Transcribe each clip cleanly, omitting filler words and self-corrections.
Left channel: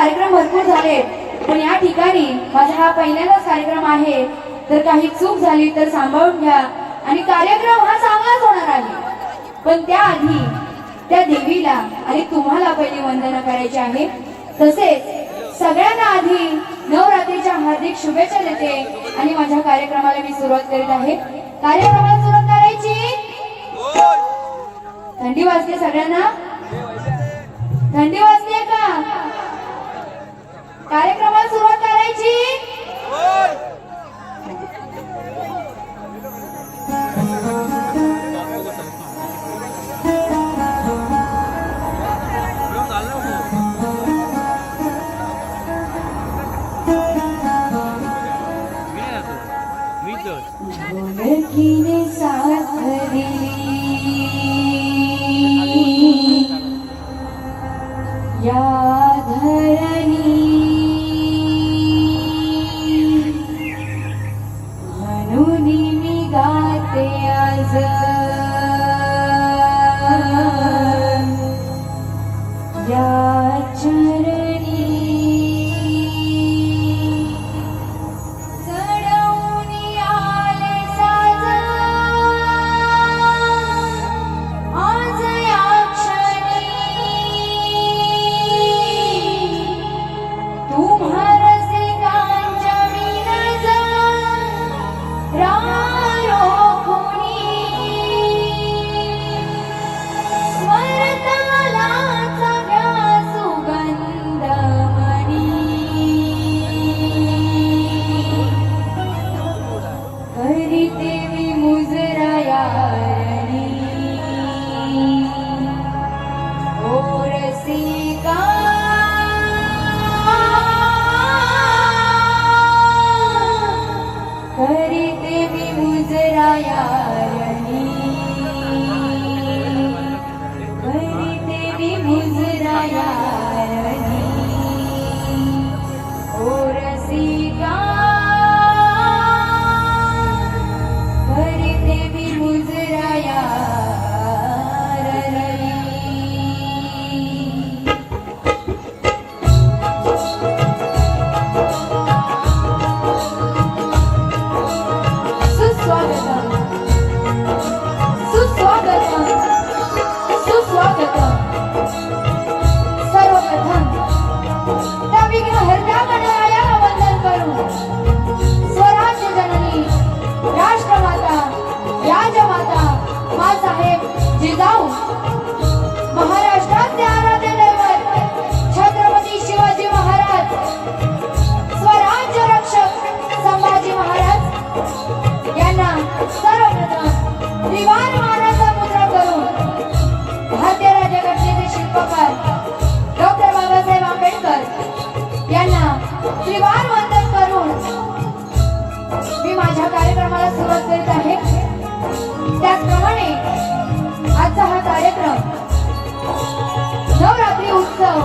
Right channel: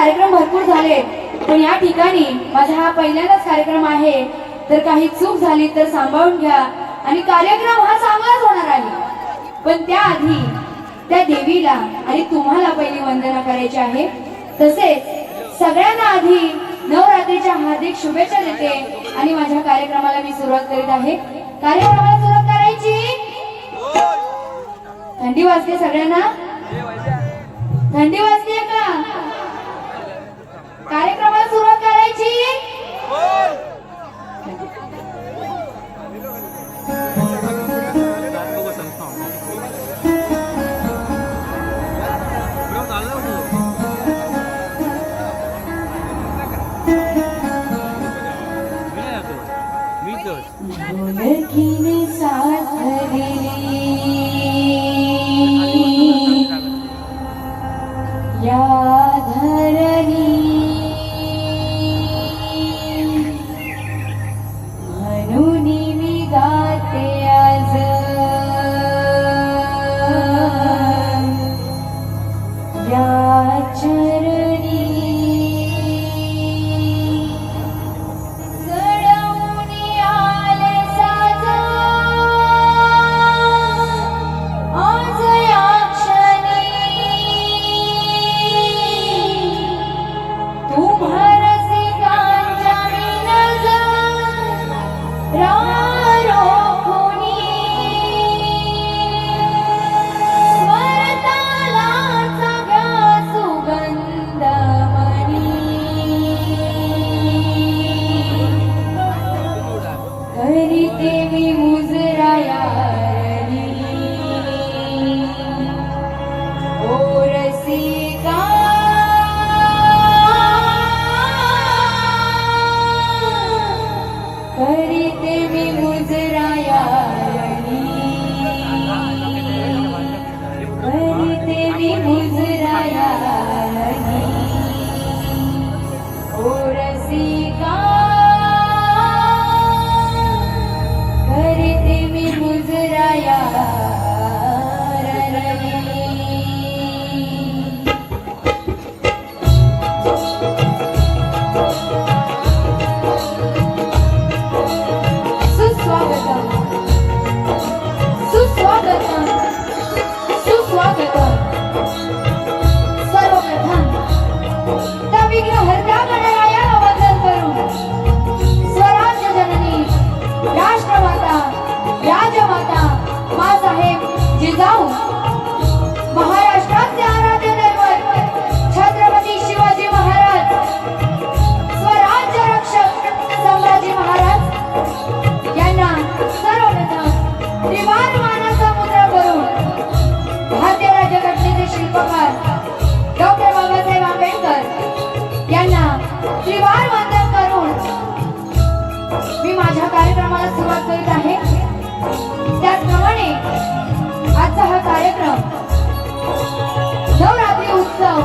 कार्यक्रम भरपूर झाले, पण या ठिकाणी माझा हा पहिल्यांदाच कार्यक्रम आहे, तर काही चूक झाली तर सांभाळून घ्या आणि कार्यक्रम हा चांगलाच होणार आहे। पण त्याआधी त्या देवीला आणि तुम्हाला पहिली वंदना करायची आहे। तसेच सगळ्यांना आधी नवरात्रीच्या हार्दिक शुभेच्छा देते आणि माझ्या कार्यक्रमाला मी सुरुवात करीत आहे। कार्यक्रमाला सुरुवात करायची। थंडी वाजते सगळ्यांना? थंडी वाजते का? कार्यक्रमाला सुरुवात करायची। ढोलकीने साथ दिली या धरणी, म्हणून मी गाते आज या चरणी। महाराष्ट्राचे आराध्य दैवत छत्रपती शिवाजी महाराज, स्वराज्य रक्षक संभाजी महाराज यांना सर्वप्रथम त्रिवार मानाचा मुद्रा करून भारतीय राज्यघटनेचे शिल्पकार डॉक्टर बाबासाहेब आंबेडकर यांना त्रिवार वंदन करून मी माझ्या कार्यक्रमाला सुरुवात करीत आहे। त्याचप्रमाणे आजचा हा कार्यक्रम नवरात्री उत्सव,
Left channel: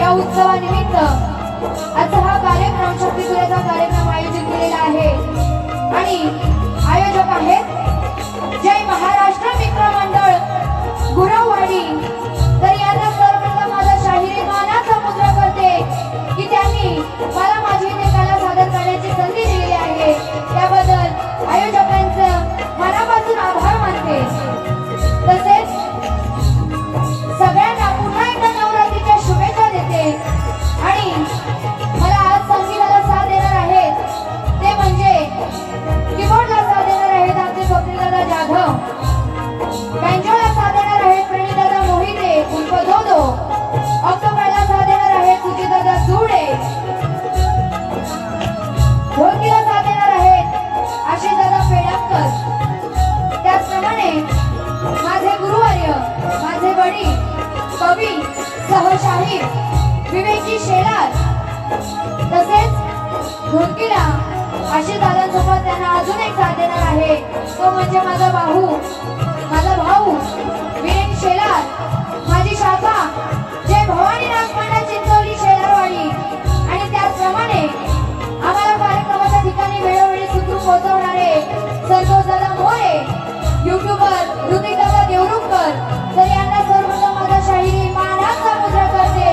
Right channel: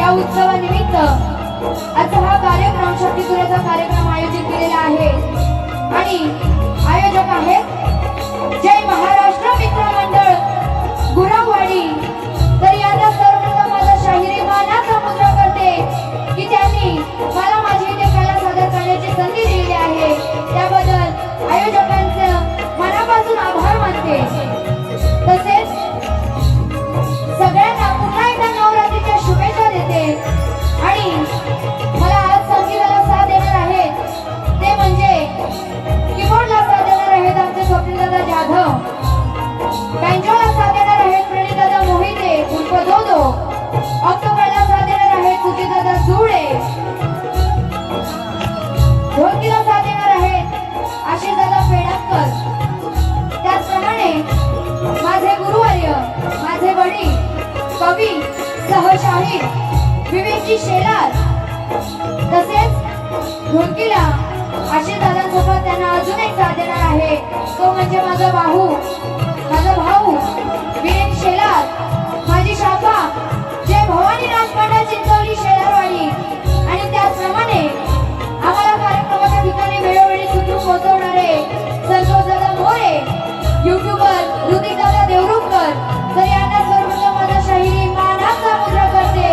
या उत्सवानिमित्त आजचा हा कार्यक्रम शक्तीसूर्याचा कार्यक्रम आयोजित केलेला आहे आणि आयोजक आहेत जय महाराष्ट्र मित्र मंडळ गुरववाडी। तर याचा सर्वप्रथम माझा शाहिरी मानाचा मुद्रा करते की त्यांनी मला माझी इथे कला सादर करण्याची संधी दिलेली आहे, त्याबद्दल आयोजकांचं मनापासून आभार मानते। तसेच सगळ्यांना पुन्हा एकदा नवरात्रीच्या शुभेच्छा देते आणि मला आज संगीताला साथ देणार आहेत ते म्हणजे कीबोर्डला साथ देणार आहेत आमचे स्वप्नीलदादा जाधव, बँजोला साथ देणार आहेत प्रणीतदादा मोहिते उर्फ दोदो, ऑक्टोपॅडला साथ देणार आहेत सुजितदादा सुडे, ढोलकीला साथ देणार आहेत आशिषदादा पेडककर। त्याचप्रमाणे माझे गुरुवर्य, माझे वडील कवी सहशाहीर विवेकजी शेलार, तसेच ढोलकीला आशिषदादांसोबत त्यांना अजून एक साथ देणार आहे, तो म्हणजे माझा भाऊ विवेक शेलार, माझी शाखा जय भवानी नाचपाटा चिंचोली शेलारवाडी। आणि त्याचप्रमाणे आम्हाला कार्यक्रमाच्या ठिकाणी वेळोवेळी सुखरूप पोहोचवणारे संतोषदादा मोरे, युट्यूबर ऋतिकदादा देवरुखकर, तर यांना सर्वप्रथम माझा शाहिरी मानाचा मुद्रा करते।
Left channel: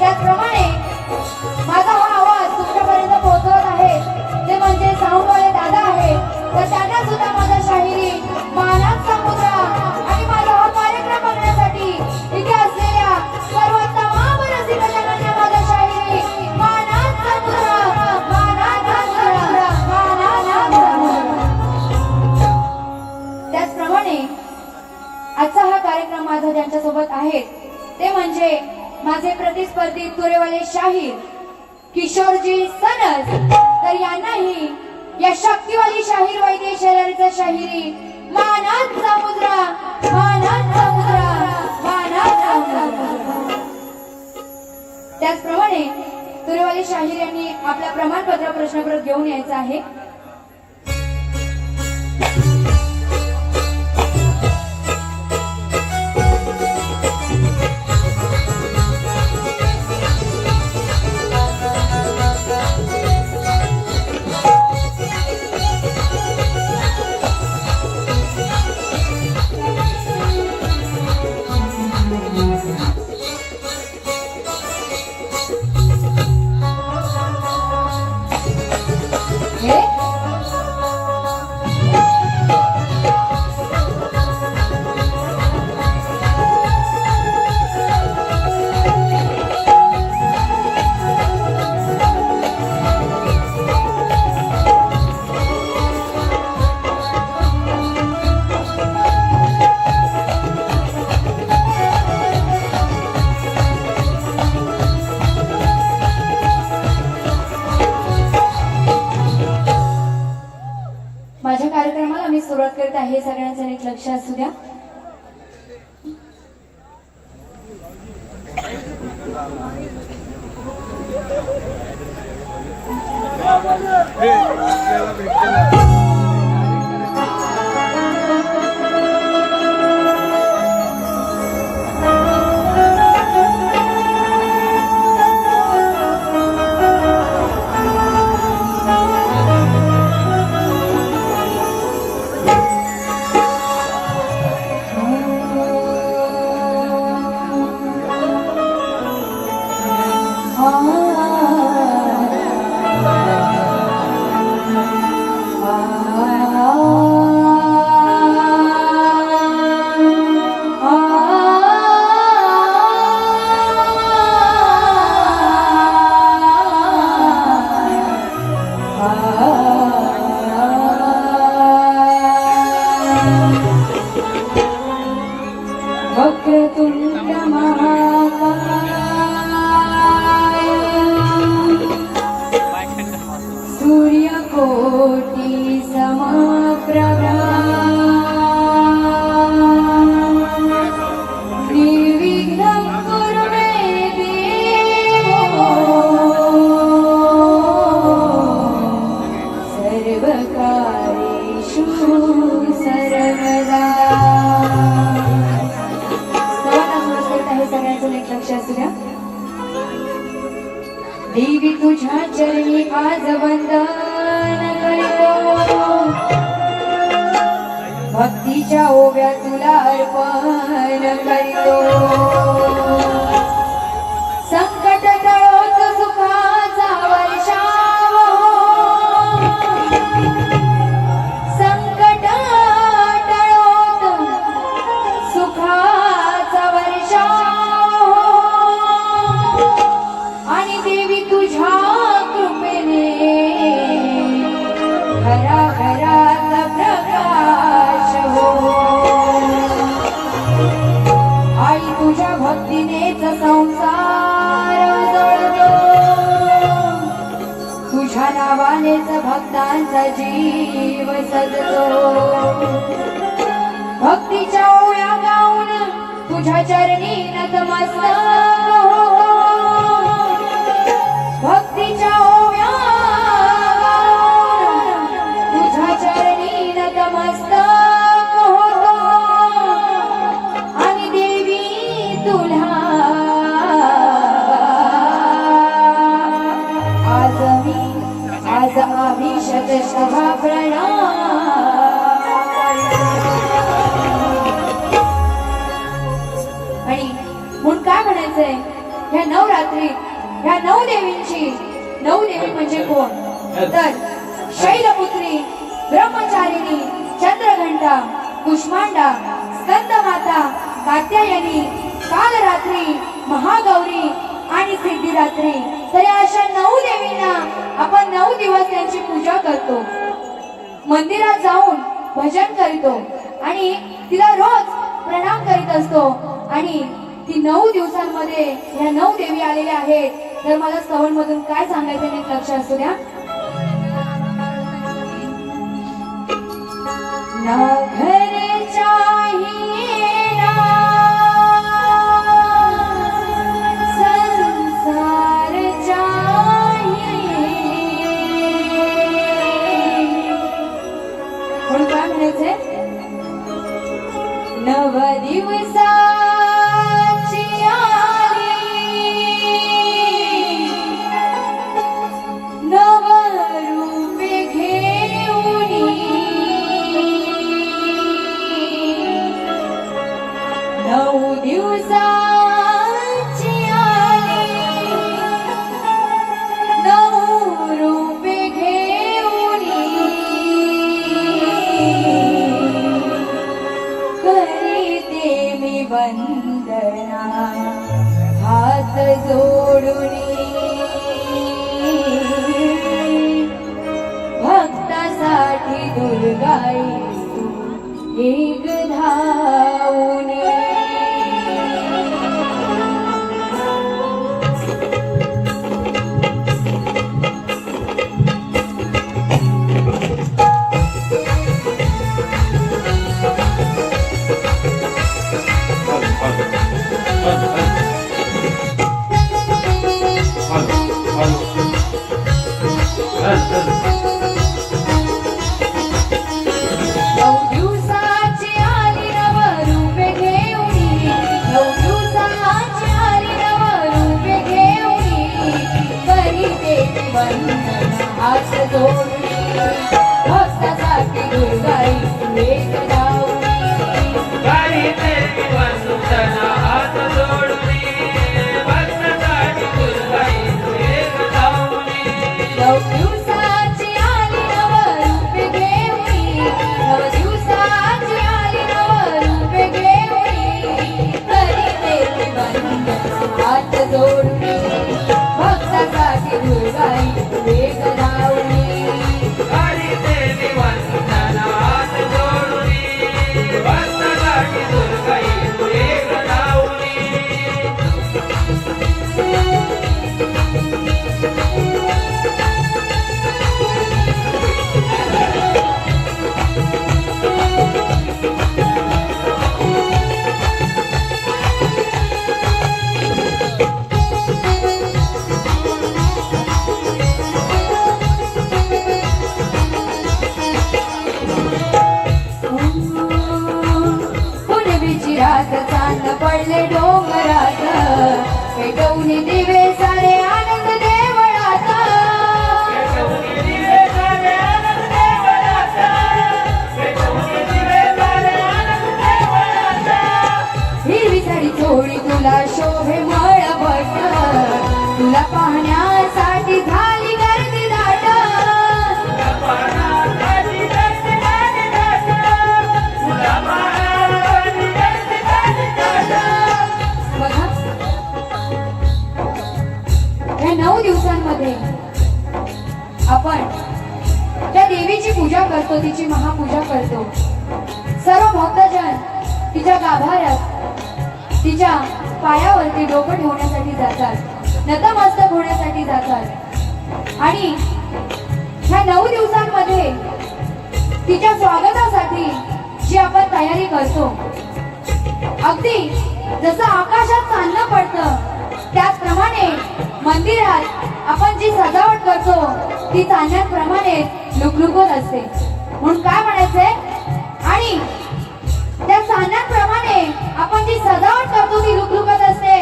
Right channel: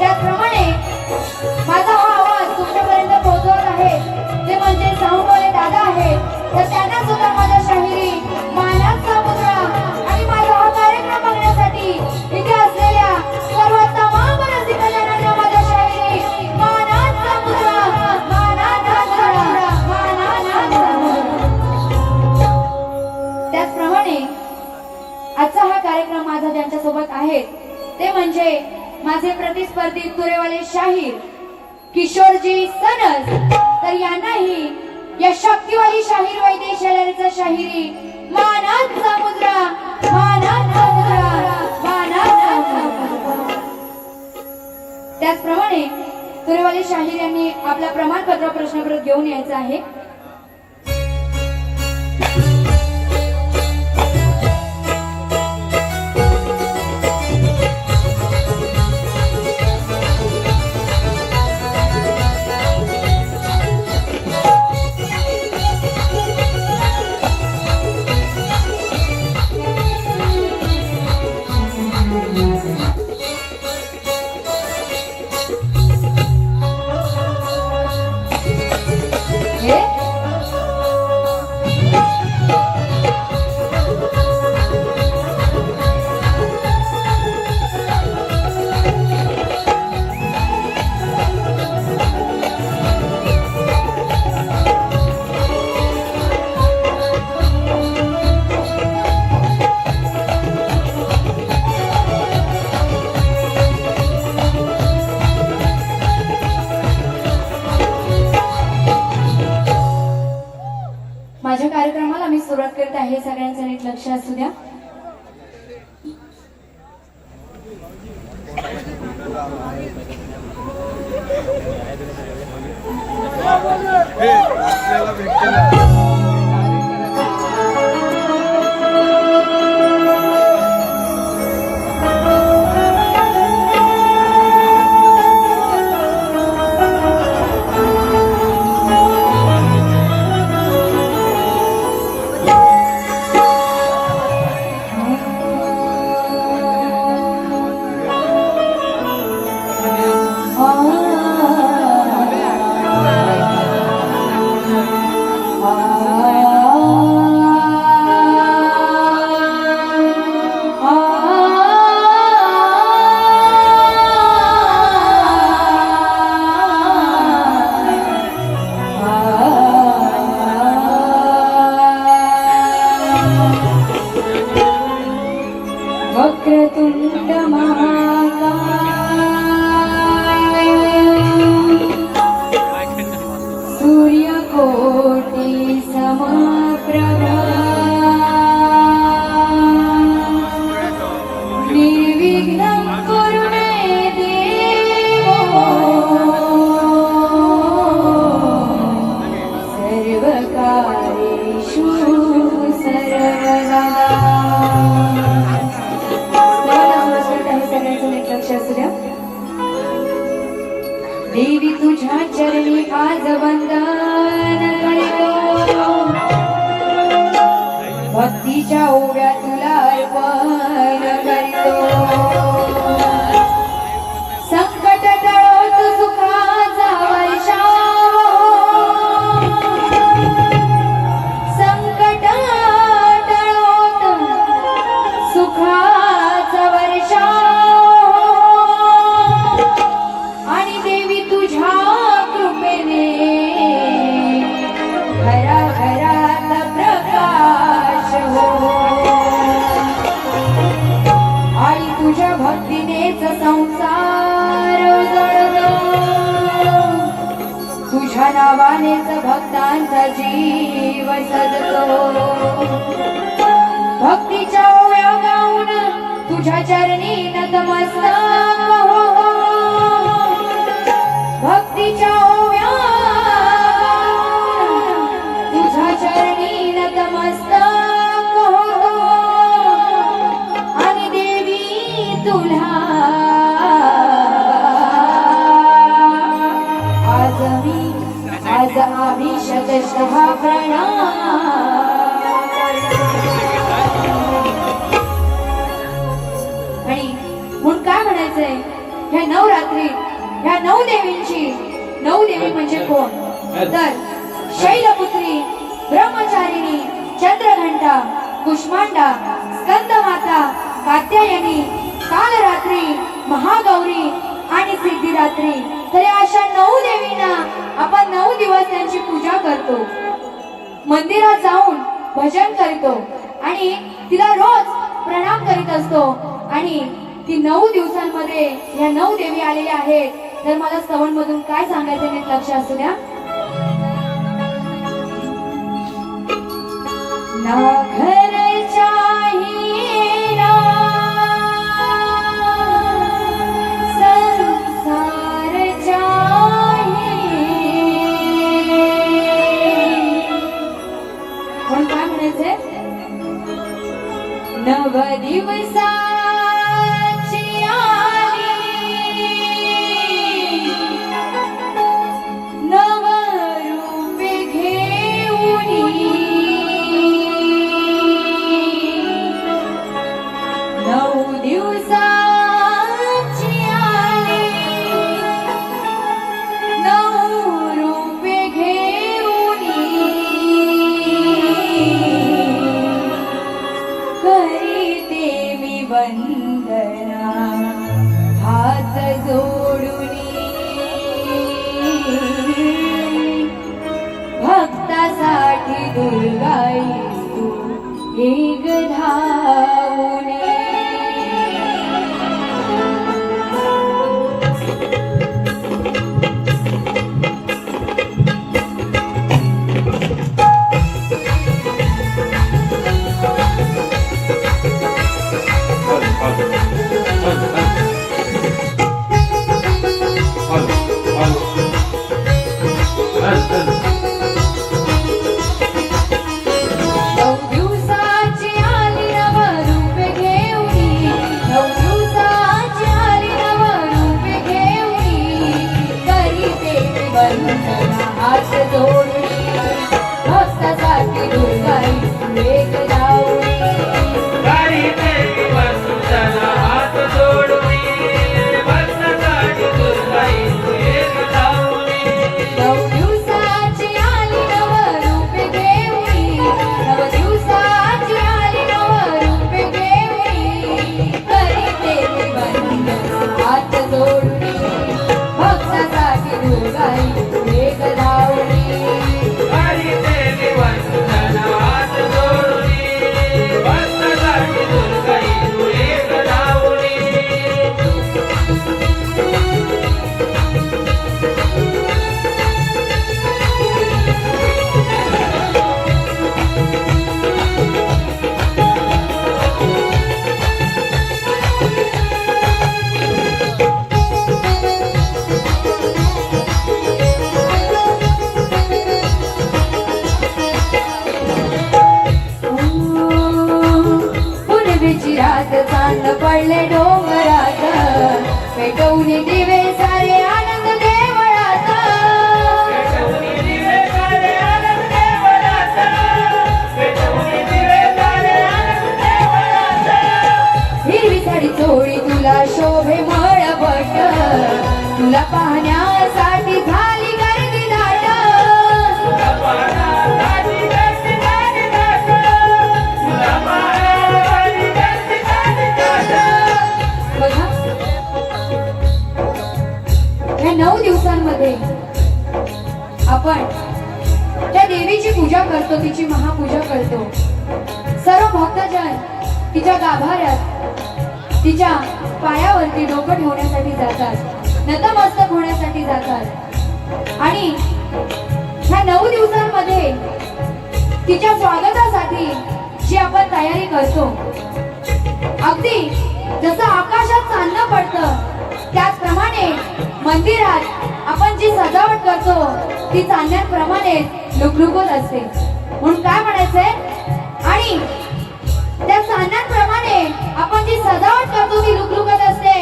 त्याचप्रमाणे ज्यांच्या सोबत आहेत ते म्हणजे माझे प्रतिस्पर्धी तुरेवाले शाहीर किशोरजी सनस। तर यांनाही या शक्तिवाली शाहीर वैद्यशालीचा शाहिरी मानाचा मुद्रा, मानाचा मुद्रा, मानाचा मुद्रा। त्याचप्रमाणे तुरेवाले शाहीर यांनी आपला प्रमाणपत्र प्रश्नपत्र घेऊन यायचं आहे। माझ्या कार्यक्रमाला मी सुरुवात करत आहे, सगळ्यांचं नीट लक्ष असू द्या। वक्रतुंड महाकाय सूर्यकोटि समप्रभा निर्विघ्नं कुरु मे देवो सर्वकार्येषु सर्वदा। देवी तुझ्या चरणी आज वंदन करतो, भक्तीच्या ओव्या तुला अर्पण करतो। संकट टळोत सुखाचा वर्षाव, संकट टळोत सुखाचा वर्षाव। तुझ्या कृपेने घराघरात प्रकाश हो, आई तुझ्या भक्तीनेच संसार जळतो, तुझ्या नावानेच भक्तांचा जीव सजतो। भक्तीच्या ओव्या गाऊन तुझ्या चरणी नतमस्तक हो, भक्तीच्या ओव्या तुझ्या चरणी नतमस्तक होतो। आणि देवी तुला आज आम्ही शतशः प्रणाम। आणि म्हणून काय म्हणायचंय, ह्या नवरात्रीत ह्या नऊ देवींची, नऊ देवी म्हणजे कोण तर शैलपुत्री, ब्रह्मचारिणी, चंद्रघंटा, कुष्मांडा, स्कंदमाता, कात्यायनी, कालरात्री, महागौरी आणि सिद्धिरात्री। तर अशा नऊ देवींना आपण 9 दिवस त्यांची पूजा करतो, मंदिरात जाऊन भजन करतो आणि तिला रोज प्रणाम करीत असतो। आणि ती 9 दिवसांमध्ये या 9 देवी आलेल्या आहेत. तर मला श्रवण मधून काय सांगायचं नीट लक्ष असू द्या. ना घर चाहिए ना संसार चाहिए. पण काय म्हणायचंय? नव दिवसाची आली नव रूपे घेऊनी नऊ दिवसाची आली नऊ रूपे घेऊनी करीते मी वंदना हात जोडूनी भक्तासाठी दुर्गाई तू एक धावणे. नऊ दिवसाची आली नव रूपे घेऊनी नऊ दिवसाची आली नव रूपे घेऊनी करीते मी वंदना हात जोडूनी भक्तासाठी दुर्गाई तू एक धावणी. करीते मी वंदना हात जोडूनी भक्तासाठी दुर्गाई तू एक धावणी. नऊ दिवसाची आली नव रूपे घेऊनी नव दिवसाची आली नव रूपे घेऊनी करीते मी वंदना हात जोडूनी भक्तासाठी दुर्गाई तू एक धावणी. करीते मी वंदना हात जोडूनी भक्तासाठी दुर्गाई तू एक धावणी. पुनवेची रात चांद पडले डोंगरात पेटवून दिवे सारे आनंद देवळात. पेटवून दिवे सारे आनंद देवळात. पेटवून दिवे सारे आनंद देवळात. हिरवी साडी चोळी तुला शोभे मळबट तुला पाहण्यासाठी झाली गर्दी दाट. पाहण्यासाठी गर्दी झाली दाट. तुला पाहण्यासाठी गर्दी झाली दाट. बघा या 9 दिवसांमध्ये आपण त्या देवीची पूजा करतो, तिची महापूजा करतो. सर्व भक्तजन तिच्या गाभाऱ्यात तिच्या पायावरती डोकं ठेवण्यासाठी जातात, नतमस्तक होण्यासाठी जातात. आणि ह्या 9 दिवसांमध्ये तिच्या स्वागतासाठी जी आपण तयारी करतो, अगदी जसं आकाशात चांदणं पडतं त्याचप्रमाणे मंदिरात आपण जी सजावट करतो ती चांदण्याप्रमाणे लुकलुकत असते. म्हणून काय म्हणायचंय? आणि त्या चांदण्याप्रमाणे आपण जी सजावट करतो ती लुकलुकत असते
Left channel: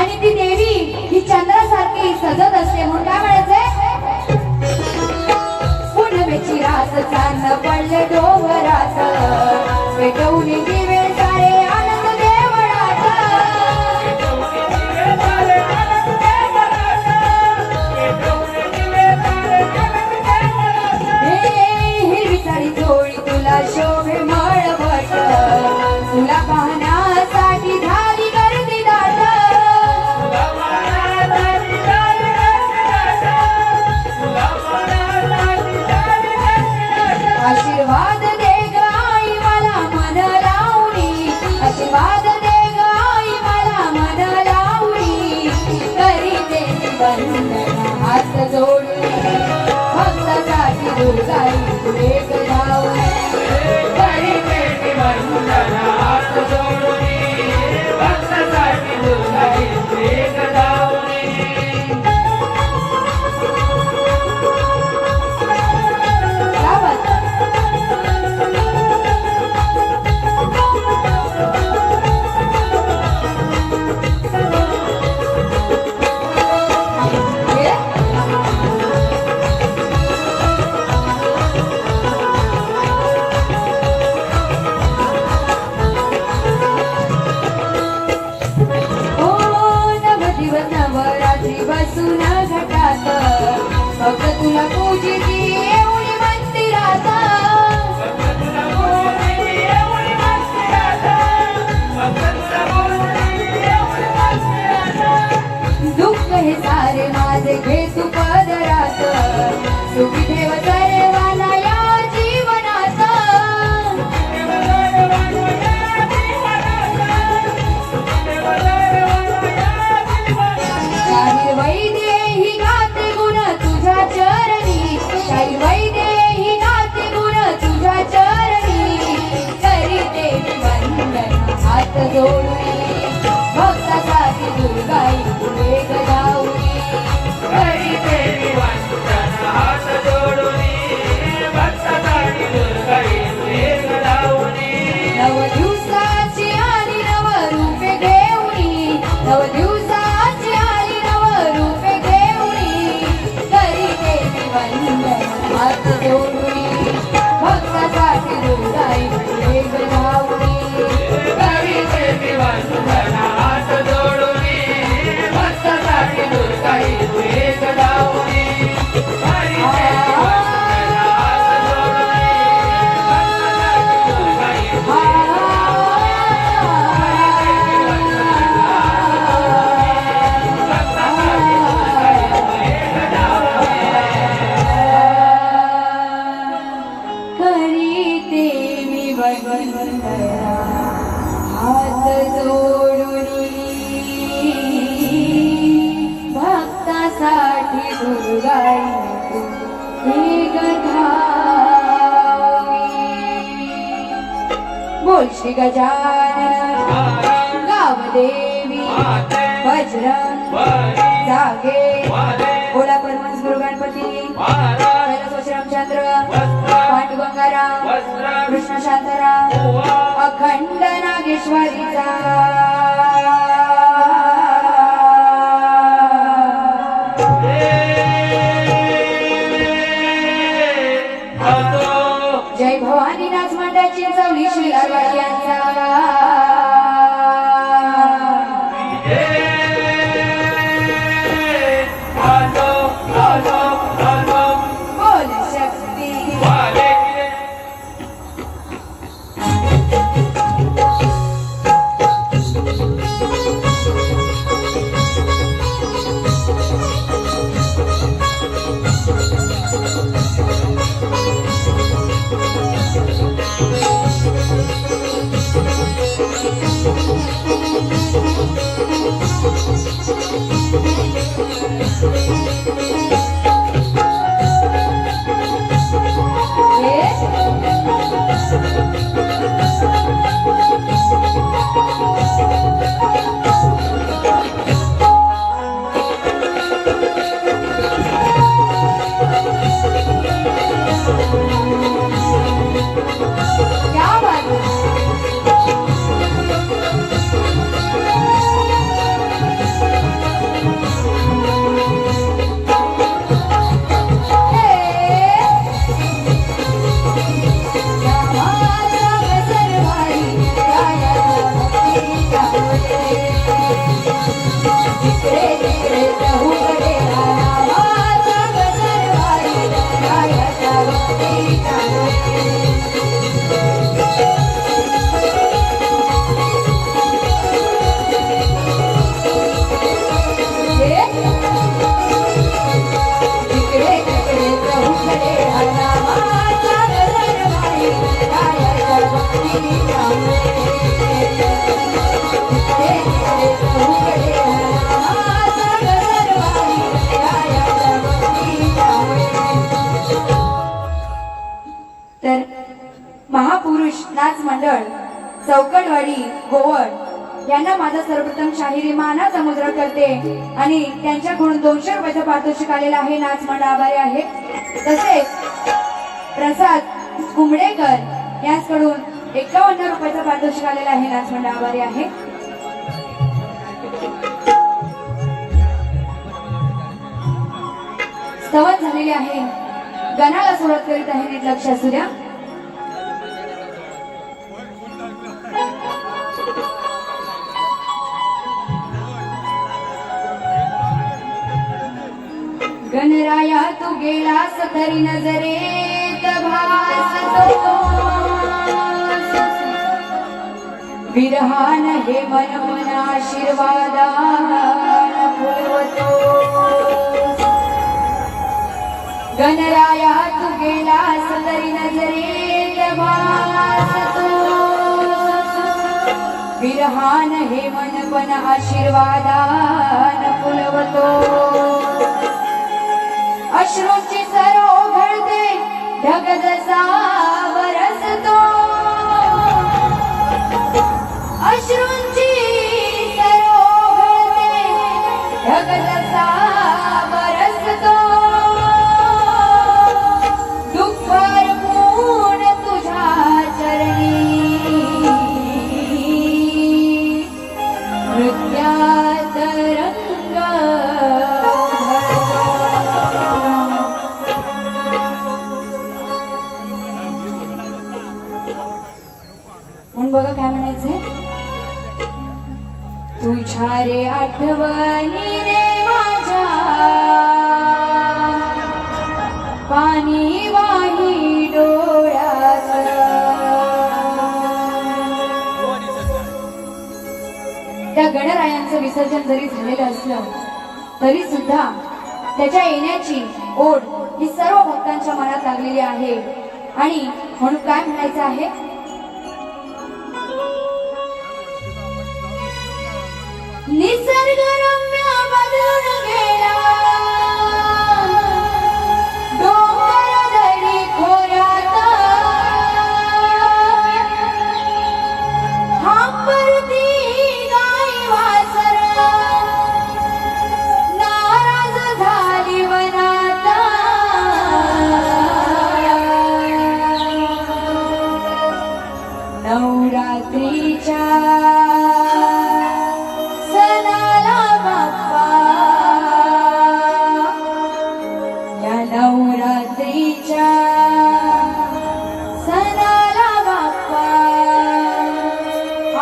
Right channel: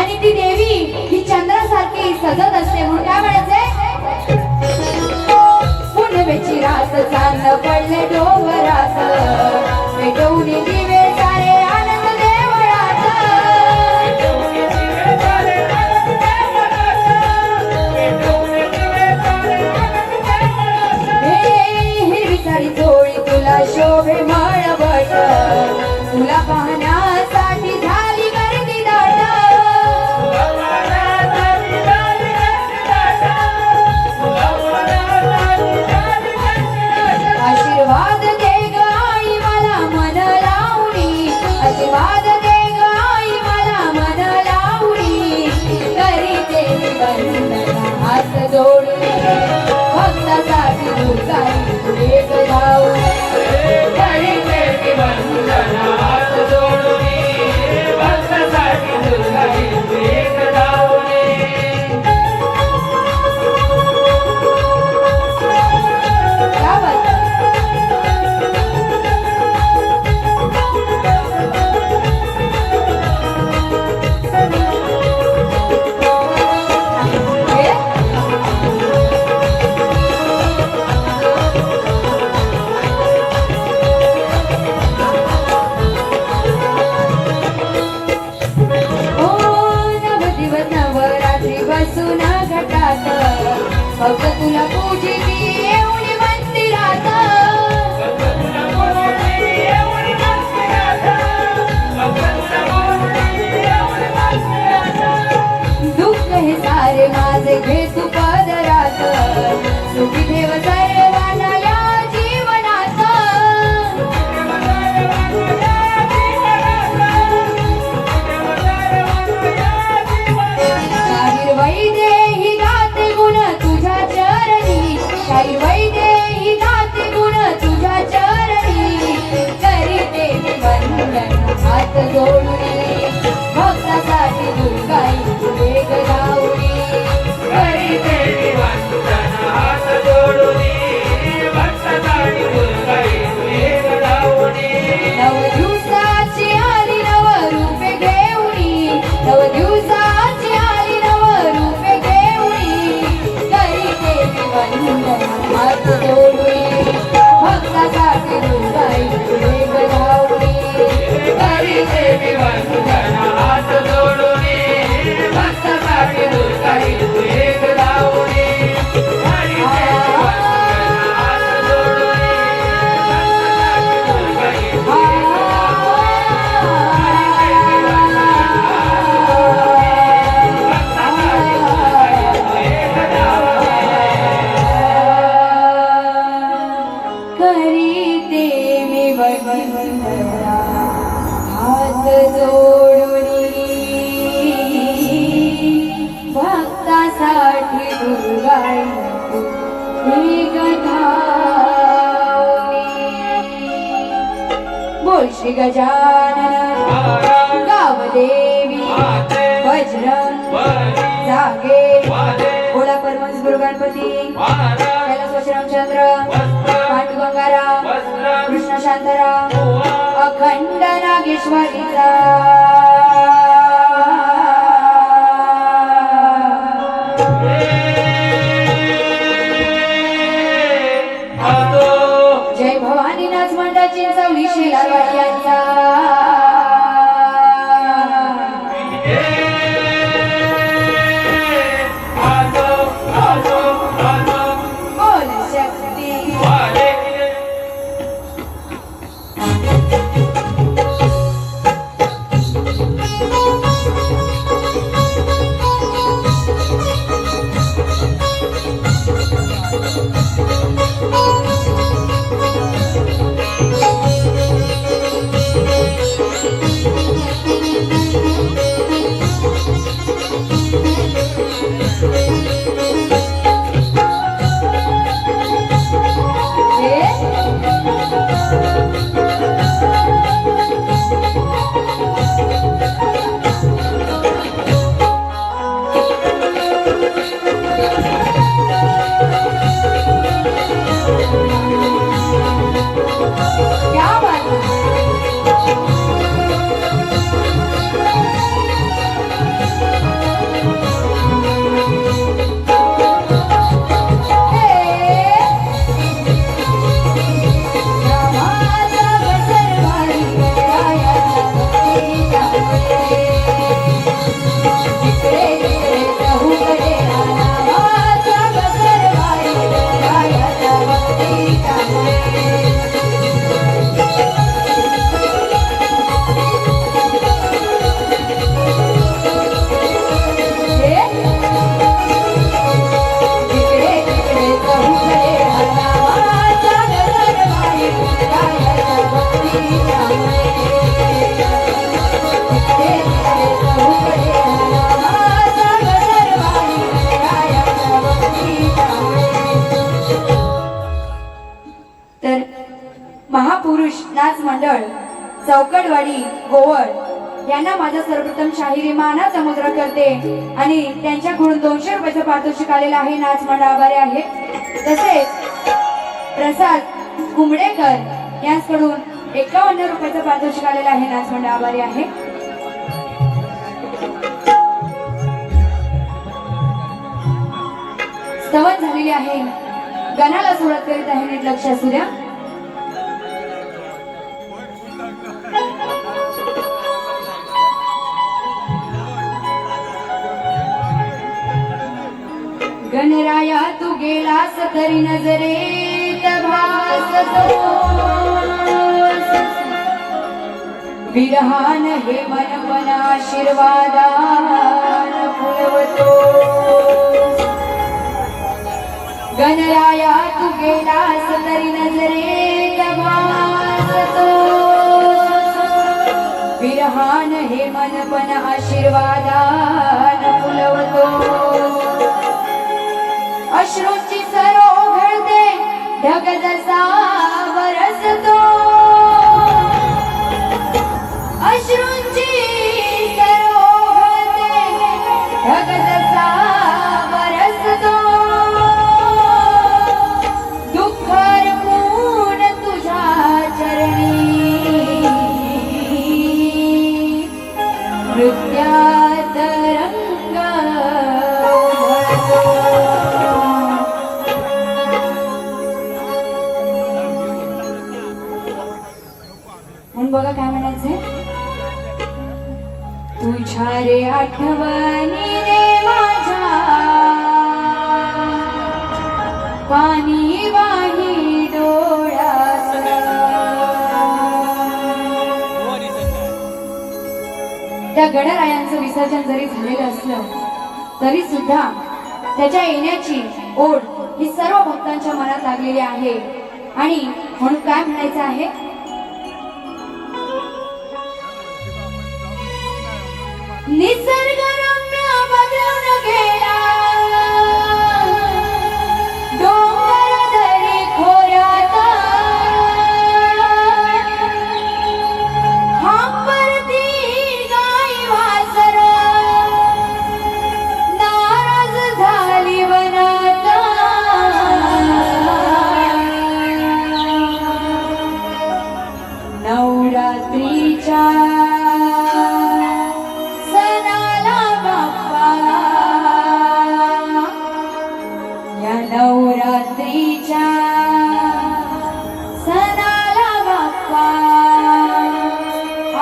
आणि ती देवी ही चंद्रासारखी सजत असते. म्हणून काय म्हणायचंय? पुनवेची रात चांद पडले डोंगरात पेटवून दिवे सारे आनंद देवळात. पेटवून दिवे सारे आनंद देवळात. पेटवून दिवे सारे आनंद देवळात. हिरवी साडी चोळी तुला शोभे मळबट तुला पाहण्यासाठी झाली गर्दी दाट. तुला पाहण्यासाठी झाली गर्दी दाट. तुला पाहण्यासाठी झाली गर्दी दाट. आशीर्वाद दे ग आई मला मन लावणी जोडून भक्तासाठी दुर्गाई एक धावून करीते मी वंदन हात जोडून भक्तासाठी दुर्गाई एक धावून गावात हे हो नवदिवस नवरात्री बसून घटात फक्त तुला पूजिती एवढी मंदिरात दुःख हे सारे माझे घे तू पदरात सुखी ठेव सर्वांना या जीवनात शाहीर वैद्य ही गाते गुण तुझ्या चरणी शाहीर वैद्य ही गाते गुण तुझ्या चरणी करीते मी वंदन हात जोडून भक्तासाठी दुर्गाई एक जाऊनी करीते मी वंदन हात जोडून भक्तासाठी दुर्गाई एक धावून नव दिवसाची आली नव रूपे घेऊनी नव दिवसाची आली नव रूपे घेऊनी करीते मी वंदन हात जोडून भक्तासाठी दुर्गाई एक जाऊनी करीते मी वंदन हात जोडून भक्तासाठी दुर्गाई एक धावून करीते मी वंदन हात जोडून भक्तासाठी दुर्गाई करीते मी वंदना हात जोडूनी भक्तासाठी दुर्गाई एक धावनी बोल श्री गजानन गावदेवी बजरंग जागे बोला परमहंस गुरु गणपती कैलासवासी रामचंद्र पांडुगंगाराम कृष्ण शांताराम अखंड नागेश्वरीचा जय भवानी नाच मंडळ चिंचवली शेलारवाडी यांचा बोल शक्ती क्या बात चौकडवाडी गोवळ यांना माझा सर्वप्रथम शाहिरी मानाचा मुद्रा करते आणि त्यांच्याकडून 200 रुपयाचं पारितोषिक आलेलं आहे. नाच मंडळ आभारी आहे. तसेच प्रसाद कुंबडेकर यांच्याकडून 51 रुपयाचं पारितोषिक आलेलं आहे. नाच मंडळ आभारी आहे. स्तवन झालेली आहे. गणाला सुरुवात करीत आहे. नीट लक्ष असू द्या. गणराया तू गेलास तरी नजरेत भासतो विरहान हे मन मन आशीर्वादान फुलवतो. गणराया तू गेलास तरी नजरेत भासतो विरहान हे मन मन आशीर्वादान फुलवतो. अश्रूंची सरो घडते ढग जसा बरसतो. अश्रूंची सरो घडते ढग जसा बरसतो. दुःख रमून तुझ्या चरणी नृत्यात रंग उधळतो. म्हणून बघा काय म्हणायचंय. तुझ्या रे आठवणी रे माझ्या पाणी वाही डोळ्यात. त्या गणरायांचं विसर्जन जरी झालेलं असलं तरी सुद्धा त्याच्या येण्याची ओढ ही सर्व भक्तांच्या मनात लागलेली आहे. आणि म्हणून काय म्हणायचं आहे. निसर्ग रम्य बदलून गेला डोंगर दरी खोऱ्यात. हांबरती गाई वासर नाराज झाली वनात. नवरात्रीच्या नवरात्रीच्या सणाला बाप्पा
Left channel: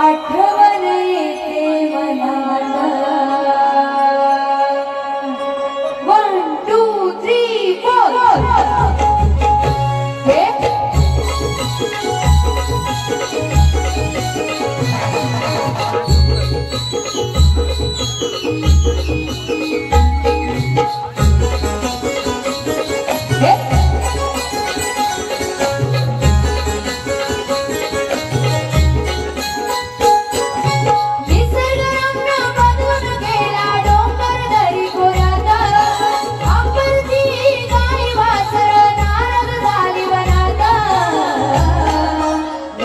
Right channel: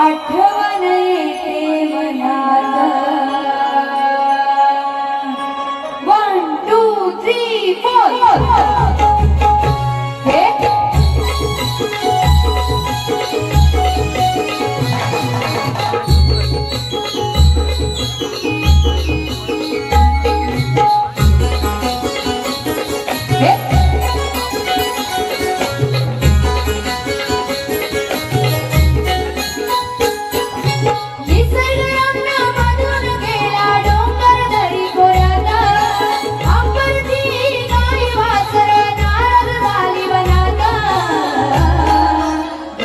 आठवण येते मनात. 1 2 3 4 हे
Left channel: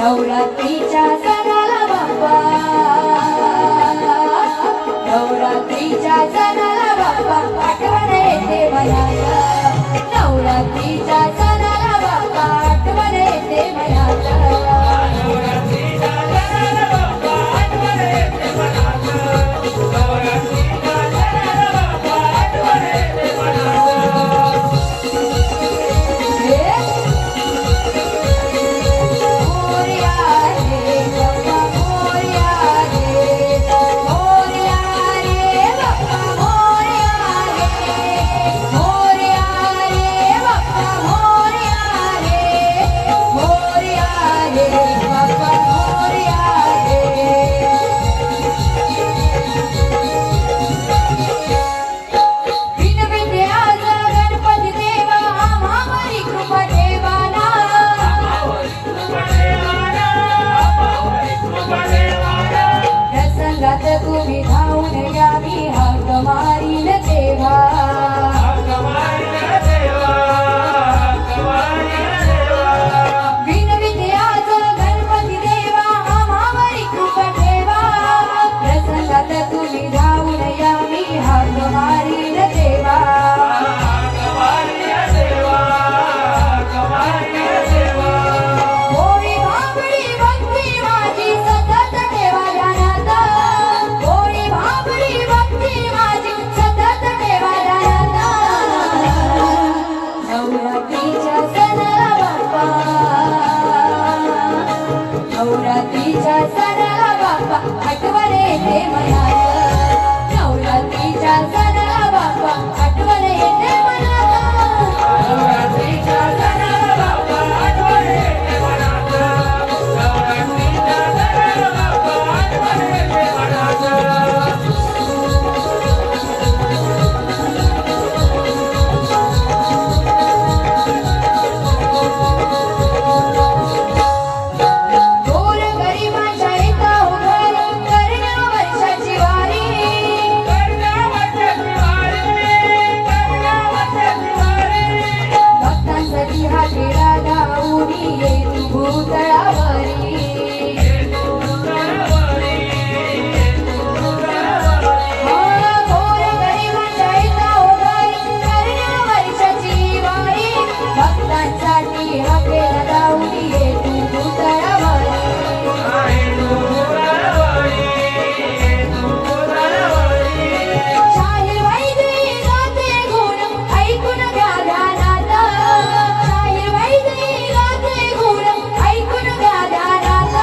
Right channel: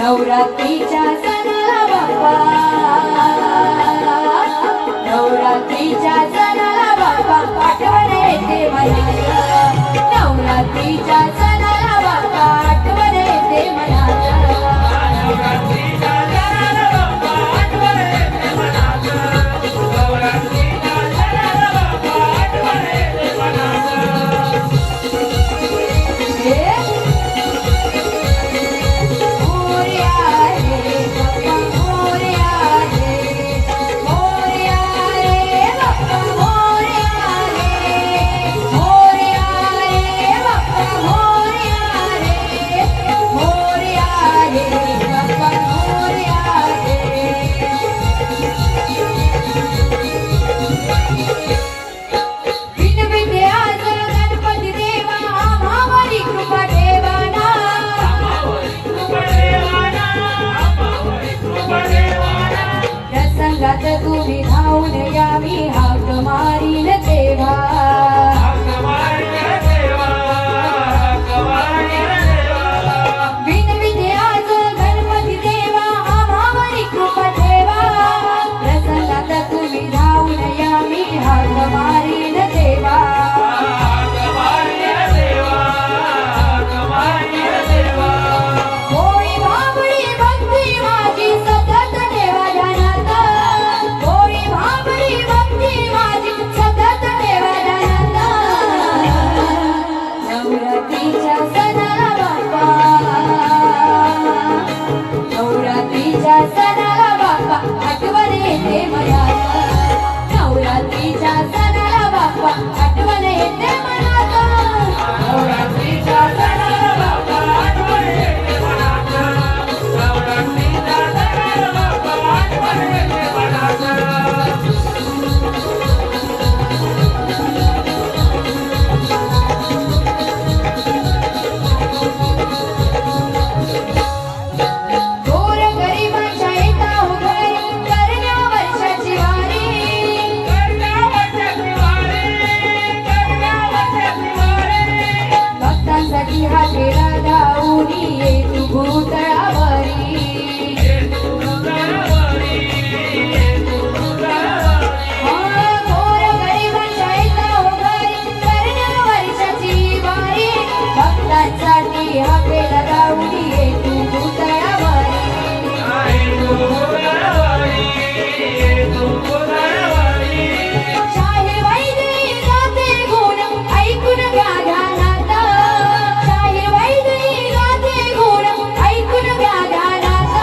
नवरात्रीच्या सणाला बाप्पा नवरात्रीच्या सणाला बाप्पा आठवण येते मनात. नवरात्रीच्या सणाला बाप्पा आठवण येते मनात. नवरात्रीच्या सणाला बाप्पा आठवण येते मनात. नवरात्रीच्या सणाला बाप्पा आठवण येते मनात. मोरया रे बाप्पा मोरया नवरात्रीच्या सणाला बाप्पा आठवण येते मनाला, नवरात्रीच्या सणाला बाप्पा आठवण येते मनाला, नवरात्रीच्या सणाला बाप्पा आठवण येते मनाला, नवरात्रीच्या सणाला बाप्पा आठवण येते मनाला. गोर गरिबाच्या येता हो घरी करण्या वर्षाची वारी, भक्तांसाठी हा खेळा धावूनी ये तू भूतळावरी, गोर गरिबाच्या येता हो घरी करण्या वर्षाची वारी, भक्तांसाठी हा खेळा धावूनी ये तू भूतळावरी, शाहीर वैद्यी गाते गुण ऐकून घ्या ध्यानात, शाहीर वैद्यी गाते गुण ऐकून घ्या ध्यानात,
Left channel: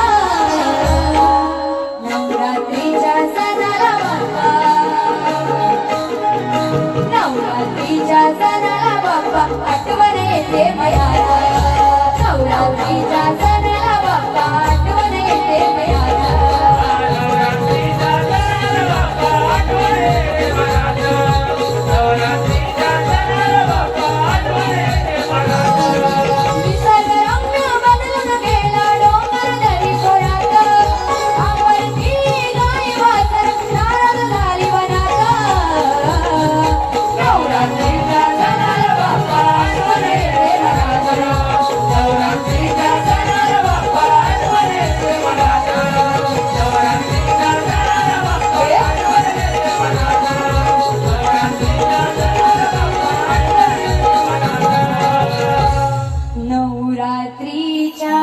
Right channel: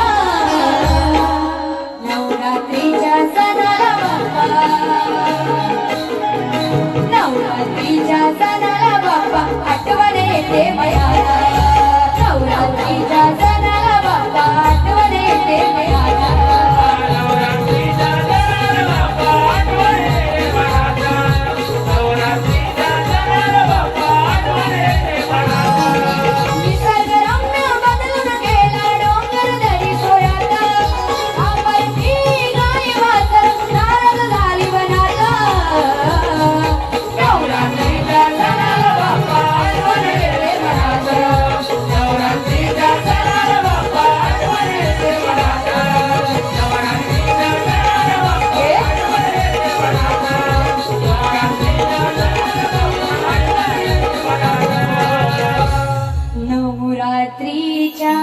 नवरात्रीच्या सणाला बाप्पा, नवरात्रीच्या सणाला बाप्पा आठवण येते मयाला, नवरात्रीच्या सणाला बाप्पा आठवण येते मयाला, नवरात्रीच्या सणाला बाप्पा आठवण येते मनाला, नवरात्रीच्या सणाला बाप्पा आठवण येते मनाला. निसर्गरम्य बदलून गेला डोंगर दरी खोऱ्यात, आवडती गाय वासर नाराज झाली वनात, नवरात्रीच्या सणाला बाप्पा आठवण येते मनाला, नवरात्रीच्या सणाला बाप्पा आठवण येते मनाला, नवरात्रीच्या सणाला बाप्पा आठवण येते मनाला, नवरात्रीच्या सणाला बाप्पा आठवण येते मनाला. नवरात्रीच्या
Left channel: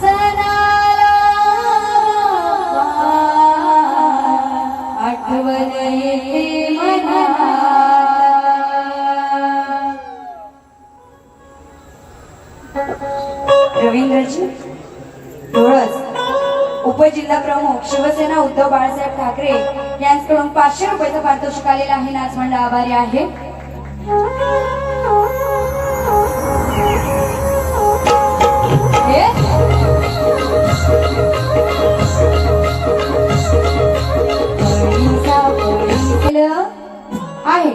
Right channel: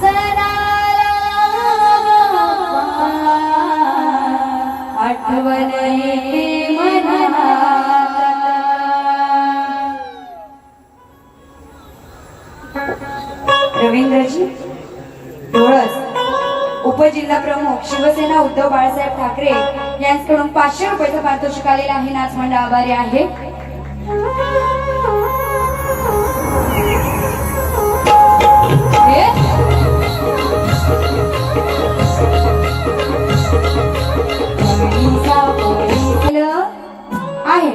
सणाला आठवण येते मनाला. रवींद्रजी डोळस उपजिल्हा प्रमुख शिवसेना उद्धव बाळासाहेब ठाकरे यांच्याकडून 500 रुपयाचा पारितोषिक आलेला आहे. नाच मंडळ आभारी आहे. हे? कणीचा पोळी आहे.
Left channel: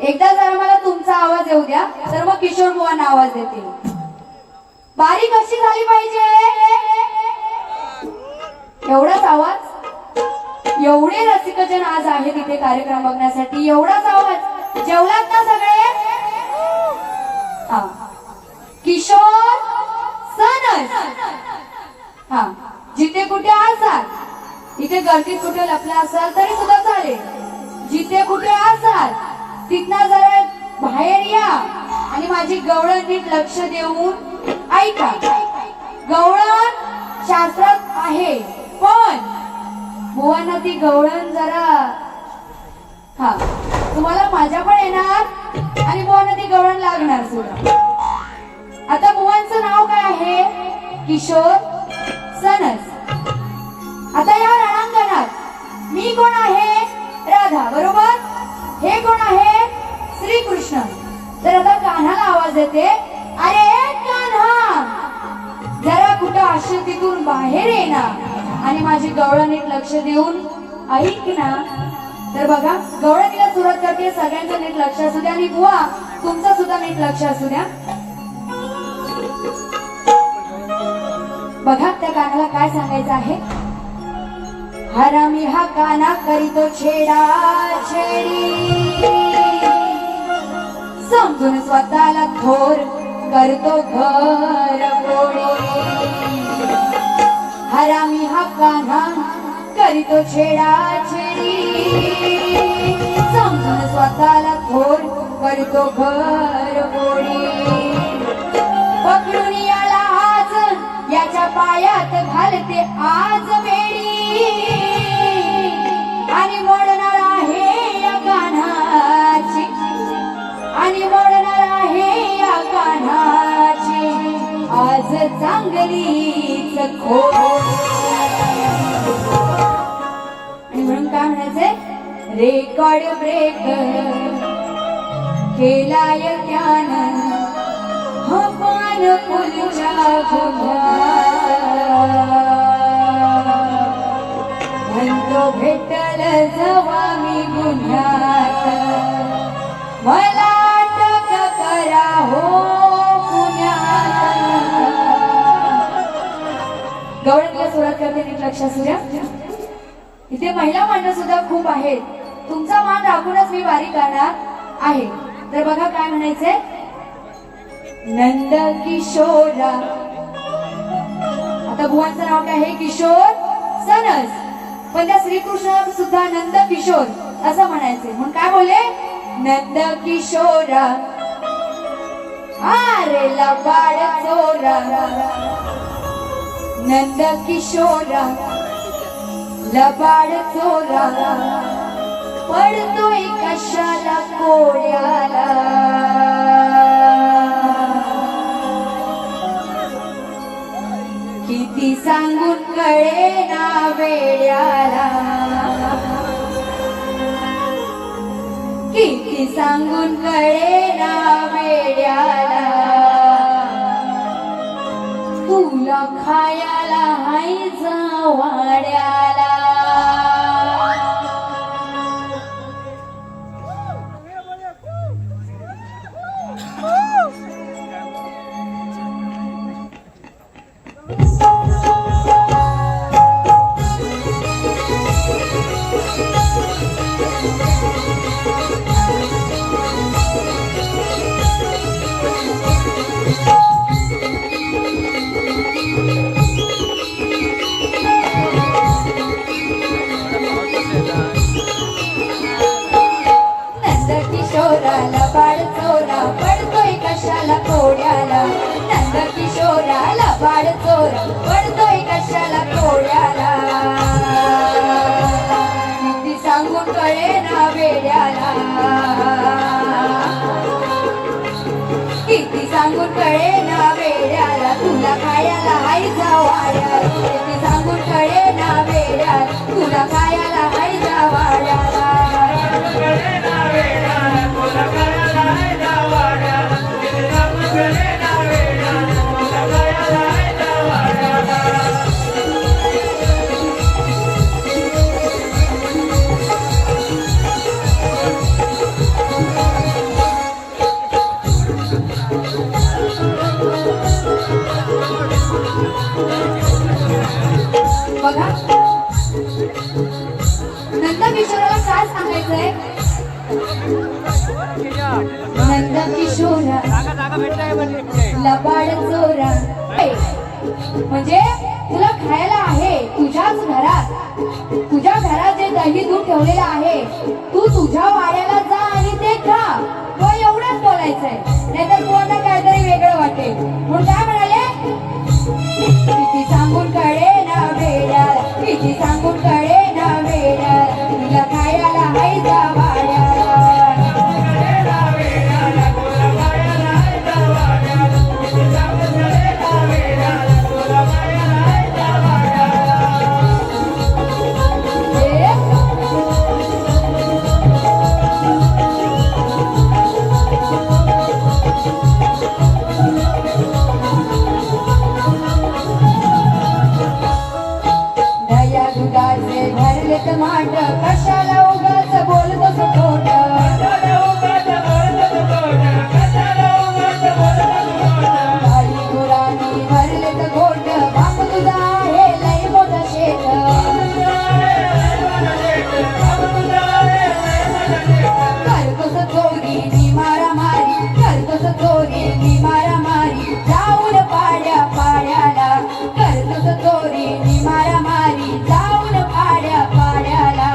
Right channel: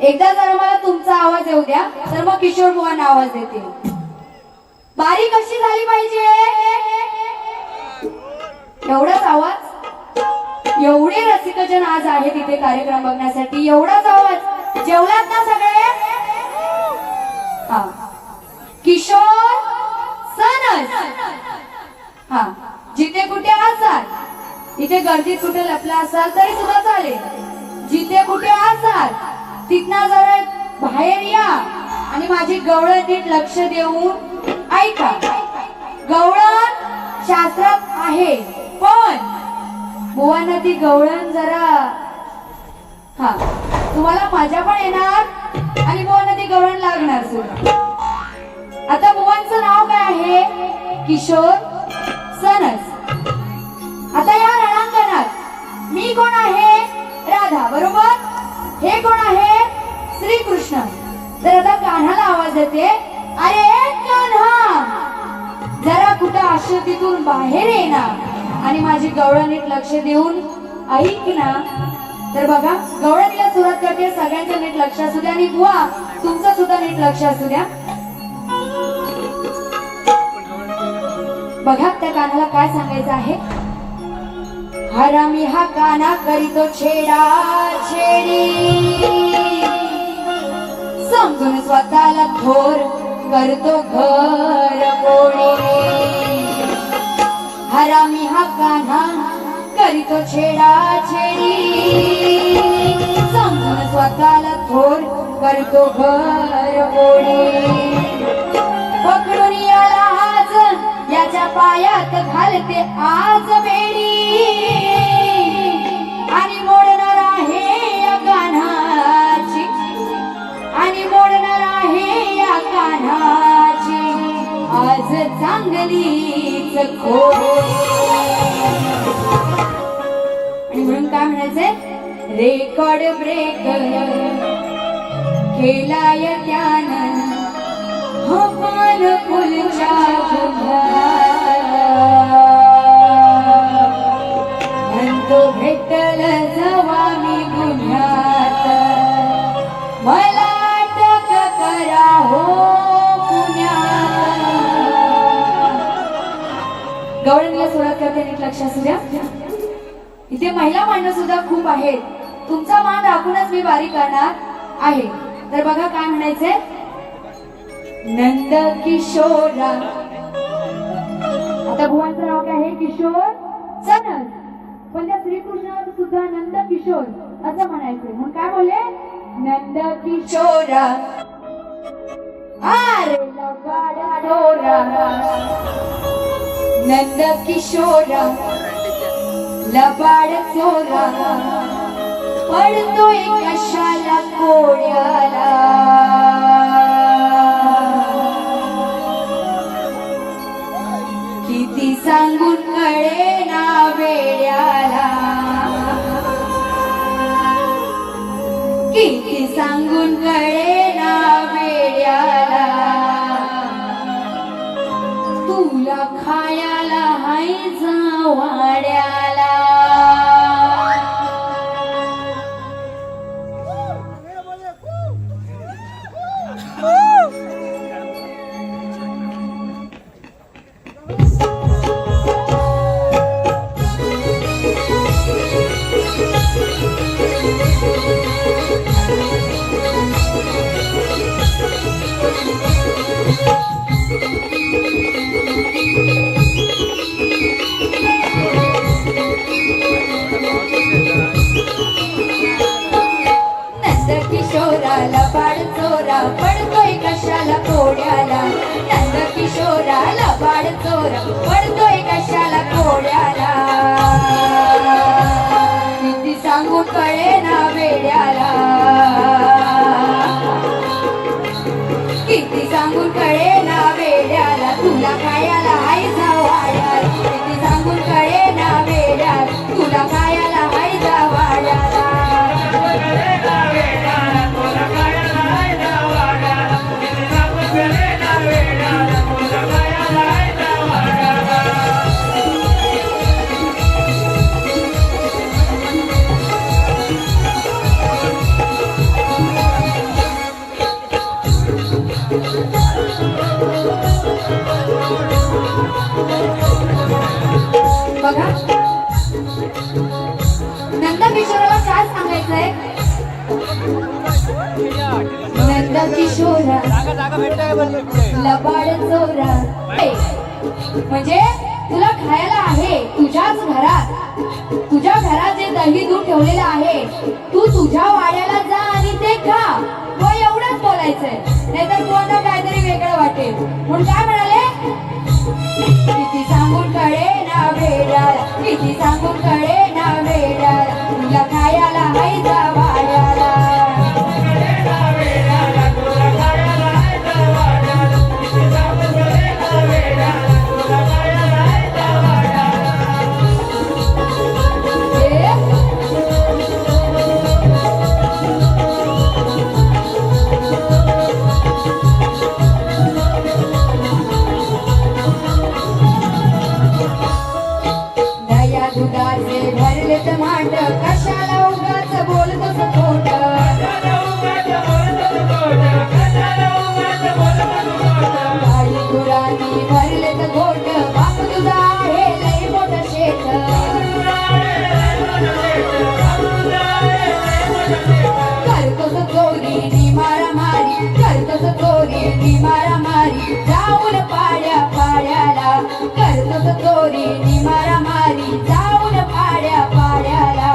एकदा जर मला तुमचा आवाज येऊ द्या तर मग किशोर बुवांना आवाज देते. बारी कशी झाली पाहिजे? एवढाच आवाज. एवढे रसिकजन आज आहेत इथे कार्यक्रम बघण्यासाठी. एवढाच आवाज. जेवलात ना सगळे? हा. किशोर सनस. हा. जिथे कुठे असाल, इथे गर्दीत कुठे लपला असाल तरी सुद्धा चालेल. जिथे कुठे असाल तिथनं जरा बाहेर या आणि माझी गवळण नीट लक्ष देऊन ऐका. गवळण शास्त्रात आहे पण बुवांना ती गवळण जरा हा तुम्हाला माझ्या पण येणार आणि बुवांना ती गवळण लागणार सुद्धा. आता बुवांचं नाव काय आहे? किशोर सनस. आता या रणांगणात मी कोण आहे? राधा, बरोबर? हे कोण आहे? श्रीकृष्ण. तर आता कान्हाला आवाज येते, अरे कान्हा जरा कुठं आश्रतीतून बाहेर ये ना आणि माझी गवळण नीट लक्ष देऊन ऐक ना. तर बघा गवळणीला सुरुवात करते. सगळ्यांचं नीट लक्ष असू द्या आणि बुवा तुमचं सुद्धा नीट लक्ष असू द्या. बघा त्या कान्हाला काय सांगायचं आहे. हरामी हा काना करीतो छेडा छेडी, समजून स्वतःला थोर करतो घर कोणी. हरामी हा कान्हा करीतो छेडा छेडी, समजून स्वतःला थोर करतो घर कोणी. पकडून याला आज याच्या पायात घालते आज बेडी आणि मोडणार आहे या कान्हाची, आणि मोडणार आहे या कान्हाची आज चांगलीच खोड. आणि म्हणून काय म्हणायचंय, रेकॉर्ड ब्रेक केलाय त्यानं हवान फुलच्या गुन्ह्यात. म्हणतो भेटल जवा मी गुन्ह्यात, मला अटक करा हो पुण्यात. गवळणीला सोडत करते नीट लक्षात असू द्या. इथे महिला मांडव सुद्धा खूप आहेत. तुमचा मान राखूनच मी वारी करणार आहे. तर बघा काय म्हणायचंय, नंद किशोरा. आता भुवनचं नाव काय आहे, किशोर सनस. पण त्या श्रीकृष्ण सुद्धा नंद किशोर असं म्हणायचे. म्हणून काय बोलले, नंद किशोरा अरे लबाड चोरा. नंद किशोरा लबाड चोरा, पडतोय कशाला कोड्याला. किती सांगून कळे ना वेड्याला, किती सांगून कळे ना वेड्याला. तुला खायला हाय वाड्याला. लबाड चोरा, पडतोय कशाला कोड्याला. नंद किशोरा लबाड चोरा, पडतोय कशाला कोड्याला. किती सांगून कळे ना वेड्याला, किती सांगून कळे ना वेड्याला. तुला खायला हाय वाड्याला, किती सांगून कळे ना वेड्याला. तुला खायला हाय वाड्याला. बघा नंद किशोराला काय सांगायचंय, नंद किशोरा लबाड चोरा. म्हणजे तुला खायला आहे तुझ्याच घरात, तुझ्या घरात जे दही दूध ठेवलेलं आहे, तू तुझ्या वाड्याला जा आणि ते खा. मग एवढंच बोलायचंय, नाहीतर तुला काहीतरी वेगळं वाटेल. म्हणून काय म्हणाले, किती सांगून कळे ना वेड्याला, किती सांगून कळे ना वेड्याला. तुला खायला हाय वाड्याला. दुधाचे भरलेत मांड, कशाला उगाच बोलतोस खोट. गाई गुरांनी भरलेत गोट, बाप तुझा आहे लई मोठं शेत. करतोस चोरी नि मारामारी, करतोस चोरी नि मारामारी. जाऊन पाड्या पाड्याला, करतोस चोरी नि मारामारी. जाऊन पाड्या पाड्याला.